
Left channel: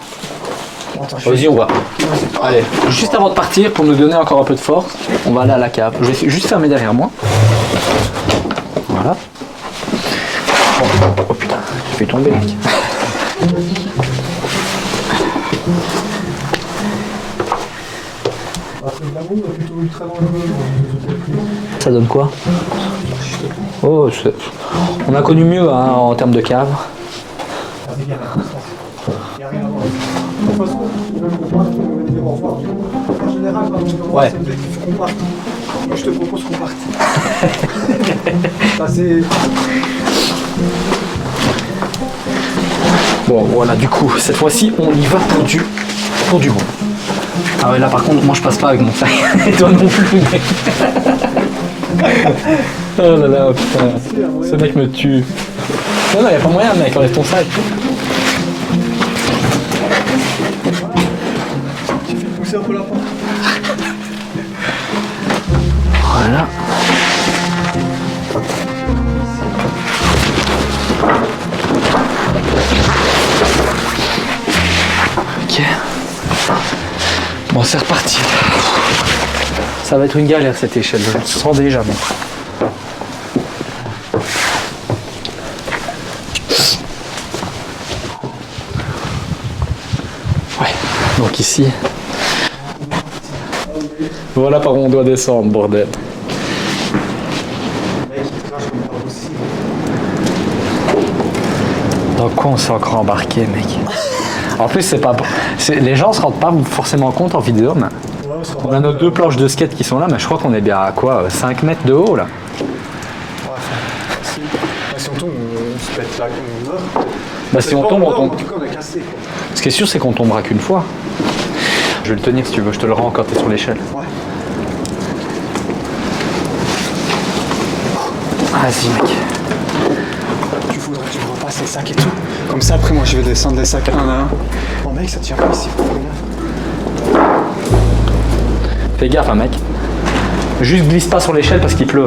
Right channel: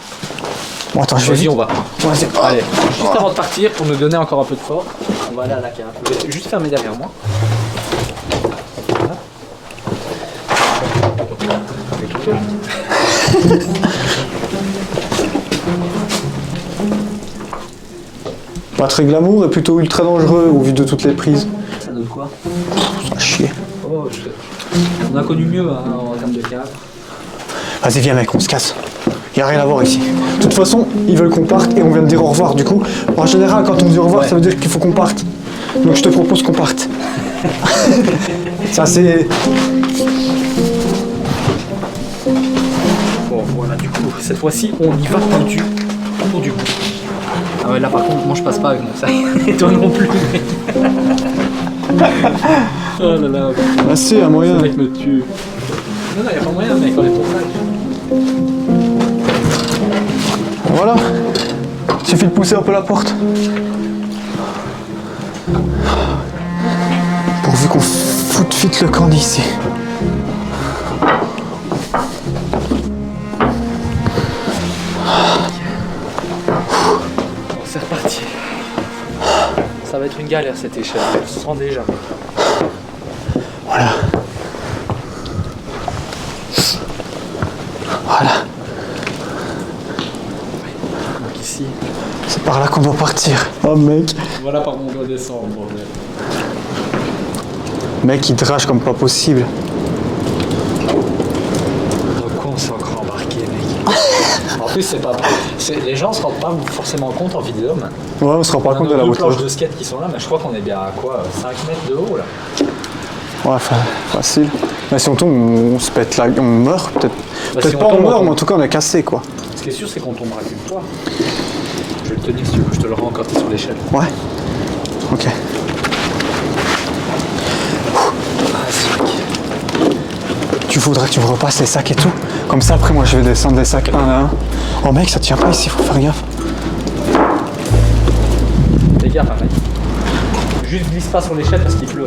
Bon, attends, je Vas-y, on va. Vas-y. Allez, juste avant de partir, pour nous donner encore un peu de force, on va aller à la cave. Je vais juste fermer derrière moi. Voilà. Oh putain, je vais tomber, mec. Pas très glamour et plutôt ultra dangereux au vu de toutes les prises. Ça donne quoi? Ça chier. Oh, on a connu mieux hein, en termes de cave. Vas-y, viens mec, on se casse. Y a rien à voir ici. De toute façon, ils veulent qu'on parte et on vient de dire au revoir. Du coup, en général, quand on dit au revoir, Ouais. ça veut dire qu'il faut qu'on parte. Donc je te propose qu'on parte. Ça c'est... Bon, voilà, du coup, cette fois-ci, on y va pour du bon. Ah ouais, là par contre, moi je passe pas avec mon sac. Et toi non plus, mec. Oh là là, putain. Ah si, un moyen. Ce mec me tue. Non, non, y'a pas moyen, mec, enlève ton sac. Voilà. Suffit de pousser un peu la porte. Voilà. Pourvu qu'on foute vite le camp d'ici. Ok. Bon, c'est reparti. Ça va être une galère cette échelle, je le sens déjà. Mec. Voilà. Voilà. Ouais. Donc ici. C'est par là qu'on doit partir. Oh mec. Voilà par où on doit descendre, bordel. Mec, il drache comme pas possible. Dans quoi on s'est encore embarqué, mec? En plus, c'est pas. Les gens se rendent pas forcément compte en vidéo, mais. Ouais, on se rend On pas a compte nos de la deux hauteur. planches de skate qui sont là, mais je crois qu'on est bien à quoi 5 mètres de haut là. Ouais, facile. Mais si on tombe, on se pète là, on meurt peut-être. Bah, si Peut-être on pas tombe, on meurt, tombe. mais en tout cas on est cassé quoi. Ce qui est sûr, c'est qu'on tombera qu'une fois. Je vais le tenir si tu veux, je te le rends quand t'es sur l'échelle. Ouais. Ok. Vas-y, mec. Tu voudrais que tu me repasses les sacs et tout. Comme ça après moi je vais descendre les sacs un à un. Oh mec, ça tient pas ici, faut faire gaffe. Fais gaffe, hein, mec. Juste glisse pas sur l'échelle parce qu'il pleut.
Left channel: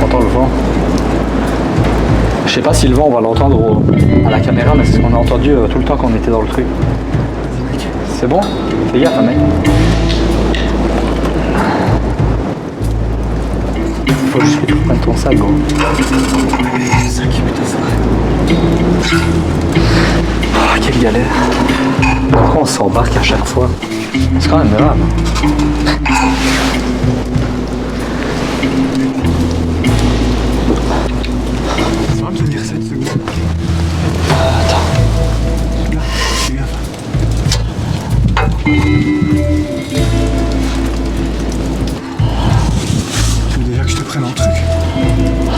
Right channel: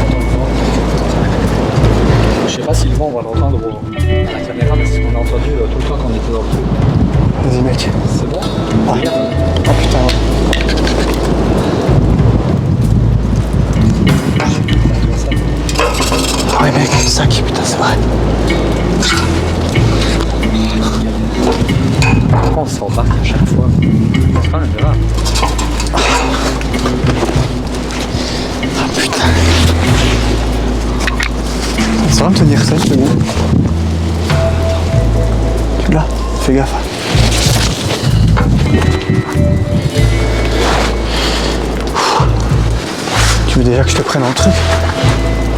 T'entends le vent? Je sais pas si le vent on va l'entendre à la caméra, mais c'est ce qu'on a entendu tout le temps quand on était dans le truc. Vas-y mec. C'est bon? Fais gaffe, hein, mec. Faut que je mette ton sac, gros. Ah ouais mec, le sac, putain c'est vrai. Ah, quelle galère. Pourquoi on s'embarque à chaque fois? C'est quand même grave. me tenir ça une seconde. Attends. Là, fais gaffe. Tu veux déjà que je te prenne un truc?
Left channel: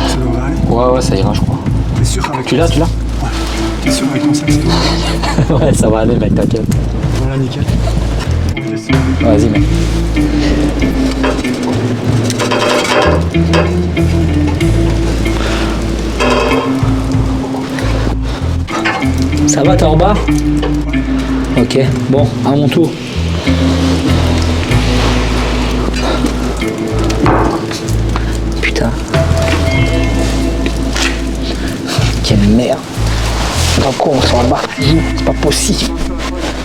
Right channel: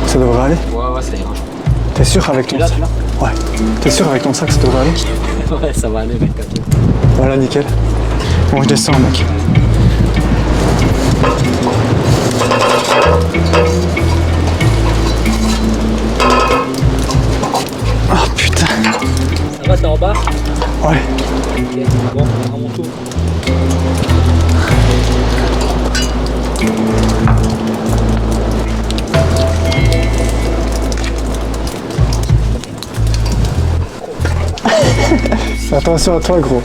Ça devrait aller? Ouais, ça ira, je crois. T'es sûr avec Tu l'as? Ouais. T'es sûr avec ton sac, ça devrait aller? Ouais, ça va aller, mec, t'inquiète. Voilà, nickel. Bon, je descends, mec. Vas-y, mec. Ah, putain. Ça va, t'es en bas? Ouais. Ok, bon, à mon tour. Putain. Quelle merde. C'est pas con, on s'en bat. C'est pas possible. Attention à toi, gros.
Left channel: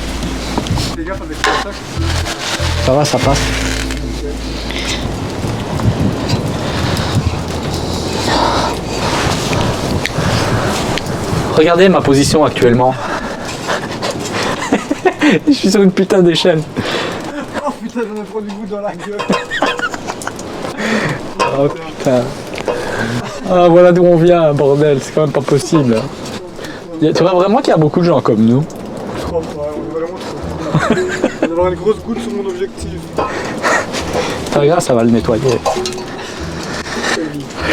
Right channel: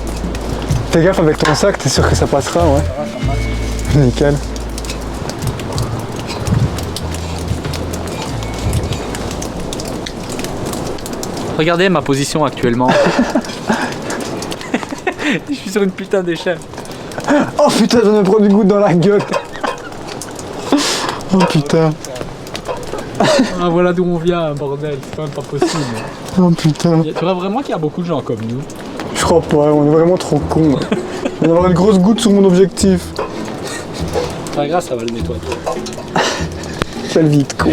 Fais gaffe avec ton sac, t'es sûr que ça passe pas, ouais? Ça va, ça passe. Nickel. Regardez ma position actuellement. Je suis sur une putain d'échelle. Oh putain, j'en ai pris du goût dans la gueule. Oh putain. Ah, voilà d'où on vient, bordel, c'est quand même pas possible. Oh putain. Tu vois vraiment qu'il y a beaucoup de gens comme nous. Je crois pas, on est vraiment trop cons. On va avoir une grosse goutte sur mon objectif. C'est pas grave, ça va le nettoyer. Fais vite, quoi.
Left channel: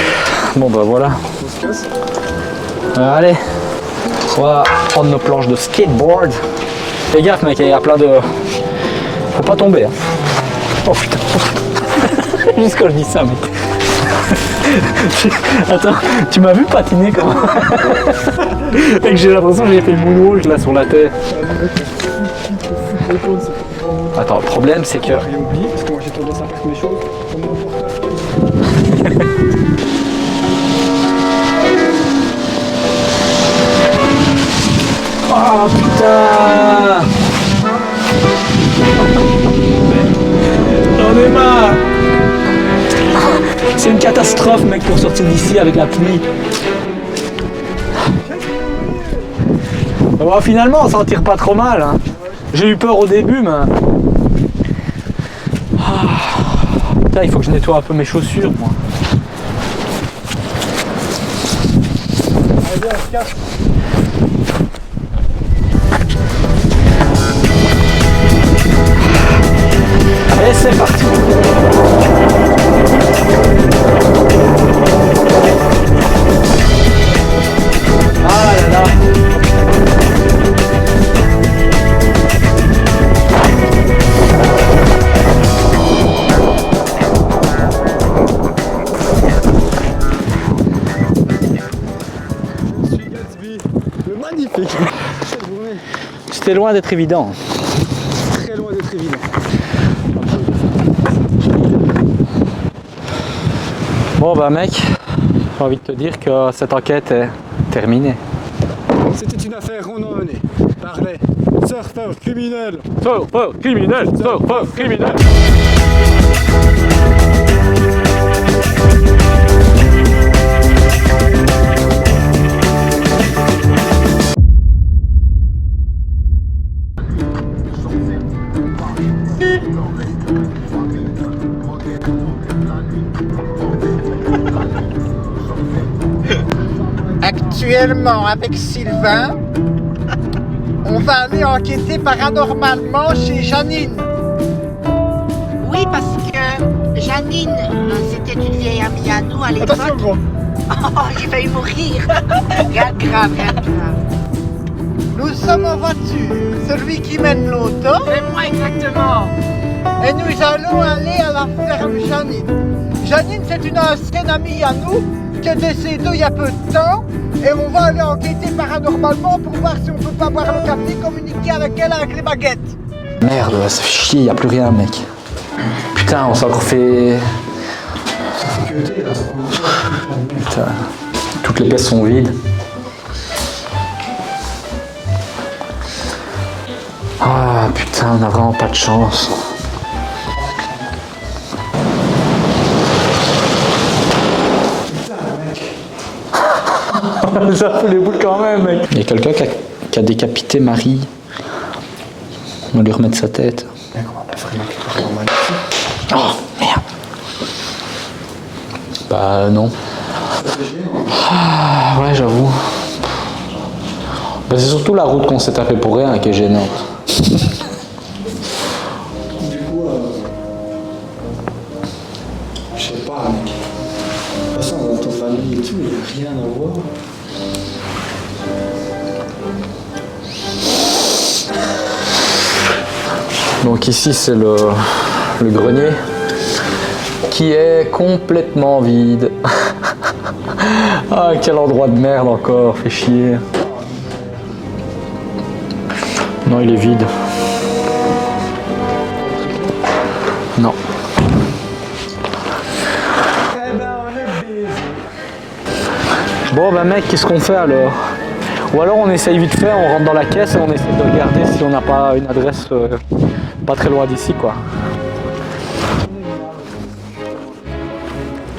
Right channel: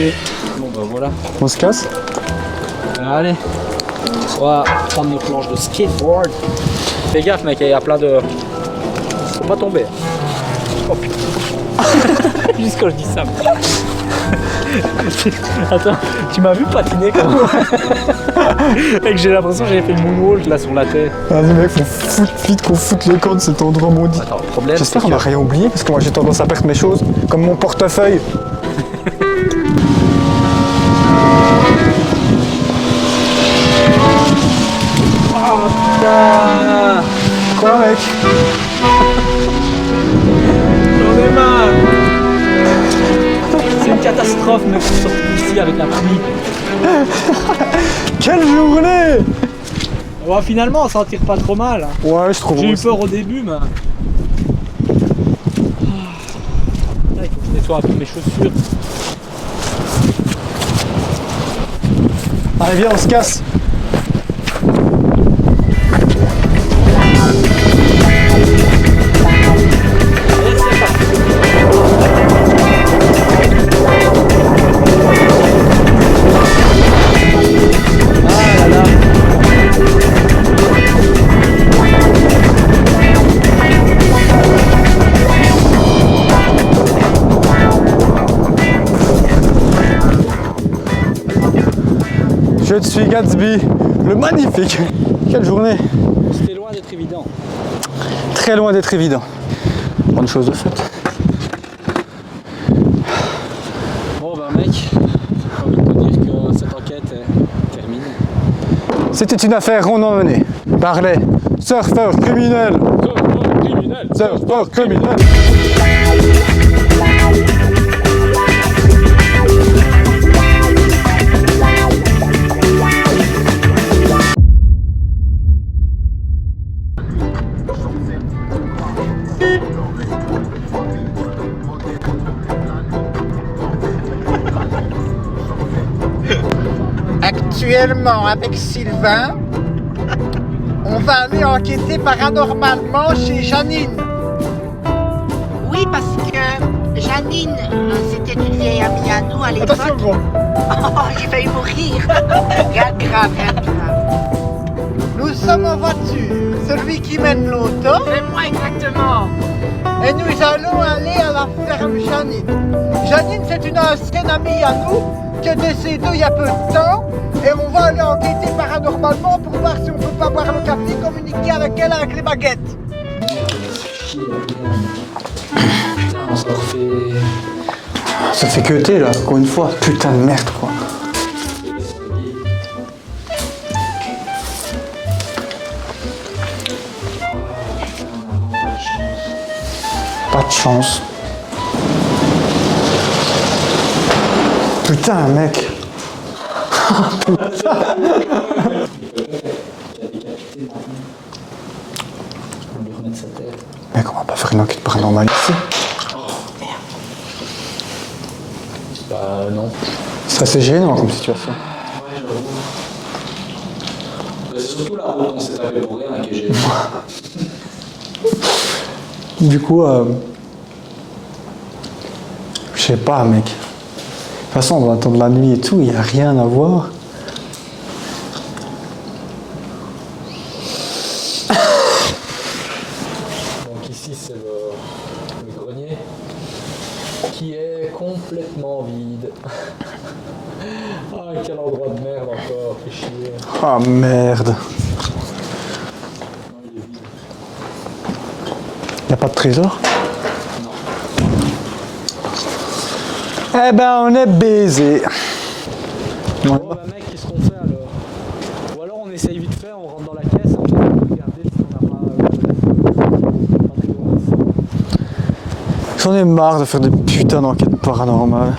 Bon bah voilà. On se casse? Allez, on va prendre nos planches de skateboard. Fais gaffe mec, il y a plein de... Faut pas tomber. Hein. Oh putain. Juste quand je dis ça, mais... Attends, tu m'as vu patiner quand même? Mec, j'ai l'impression que j'ai fait le moonwalk là sur la tête. Vas-y mec, faut foutre vite qu'on foute le camp de cet endroit maudit. Attends, le problème c'est J'espère qu'on que... va rien oublier parce que moi j'ai tendance à perdre mes choses, comme mon portefeuille. Oh putain! Quoi mec? J'en ai marre! C'est une catastrophe mec pour sortir d'ici avec la pluie. Quelle journée! Bon, finalement on s'en tire pas trop mal. Hein. Ouais, je trouve. J'ai eu peur au début mais... Putain, il faut que je nettoie un peu mes chaussures moi. Allez viens, on se casse. Et c'est parti. Ah là là. Je suis Gatsby, le magnifique. Quelle journée. C'était loin d'être évident. Très loin d'être évident. Bonne chose de faite. Bon bah mec, j'ai envie de te dire que cette enquête est terminée. C'était une affaire rondement menée par les surfeurs criminels. Surfeur criminel, Surfeurs criminels. Actuellement, avec Sylvain, on va aller enquêter paranormalement chez Janine. Oui, parce que Janine, c'était une vieille amie à nous à l'époque. Attention gros. Oh, j'ai failli mourir. Rien de grave, rien de grave. Nous sommes en voiture, celui qui mène l'auto, C'est moi exactement. et nous allons aller à la ferme Janine. Janine, c'est une ancienne amie à nous qui est décédée il y a peu de temps, et on va aller enquêter paranormalement pour voir si on peut pas boire le café, communiquer avec elle avec les baguettes. Merde, ça fait chier, y a plus rien mec. Putain, on s'en refait... Ça fait que t'es là, encore une fois. Putain de merde là. Toutes les pièces sont vides. Ah putain, on a vraiment pas de chance. Pas de chance. Putain mec. Ça fait des bouts quand même mec. Il y a quelqu'un qui a décapité Marie. On va lui remettre sa tête. Mec, on va pas faire une enquête paranormale ici. Oh merde. Bah non. Ça c'est gênant. Ah, ouais, j'avoue. Ben, c'est surtout la route qu'on s'est tapé pour rien qui est gênant. Du coup, je sais pas, mec. De toute façon, on va attendre la nuit et tout, il n'y a rien à voir. Donc ici c'est le grenier qui est complètement vide. Ah, quel endroit de merde encore, fait chier. Ah merde. Non, il est vide. Il n'y a pas de trésor? Non. Eh ben, on est baisé. Bon bah mec, qu'est-ce qu'on fait alors? Ou alors on essaye vite fait, on rentre dans la caisse et on essaye de regarder si on n'a pas une adresse pas très loin d'ici quoi. J'en ai marre de faire des putains d'enquêtes paranormales.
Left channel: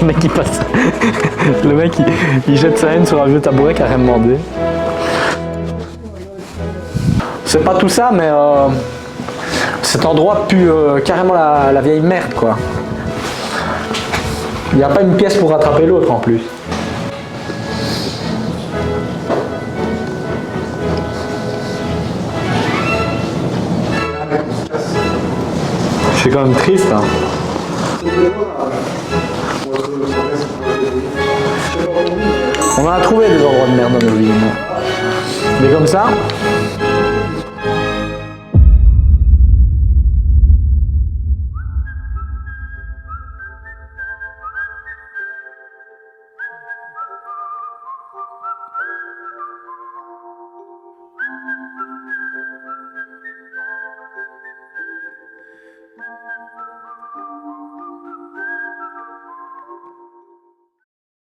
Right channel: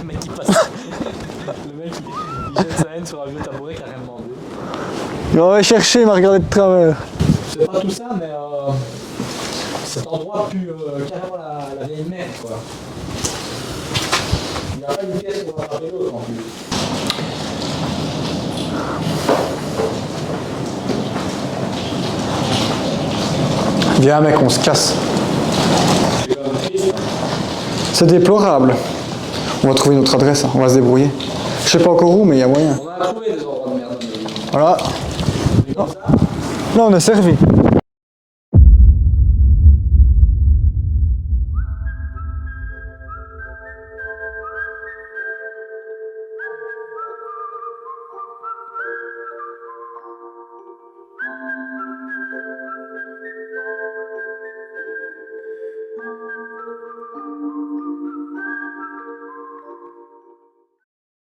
Le mec il passe. Le mec il jette sa haine sur un vieux tabouret qui a rien demandé. On va chercher, il m'a regardé de travers. C'est pas tout ça, mais cet endroit pue carrément la vieille merde quoi. Il n'y a pas une pièce pour rattraper l'autre en plus. Viens mec, on se casse. C'est quand même triste hein. C'est déplorable. On va trouver notre adresse, on va se débrouiller. Je sais pas encore où, mais il y a moyen. On a trouvé des endroits de merde dans nos vies. Voilà. Mais comme ça, Là, on est servi.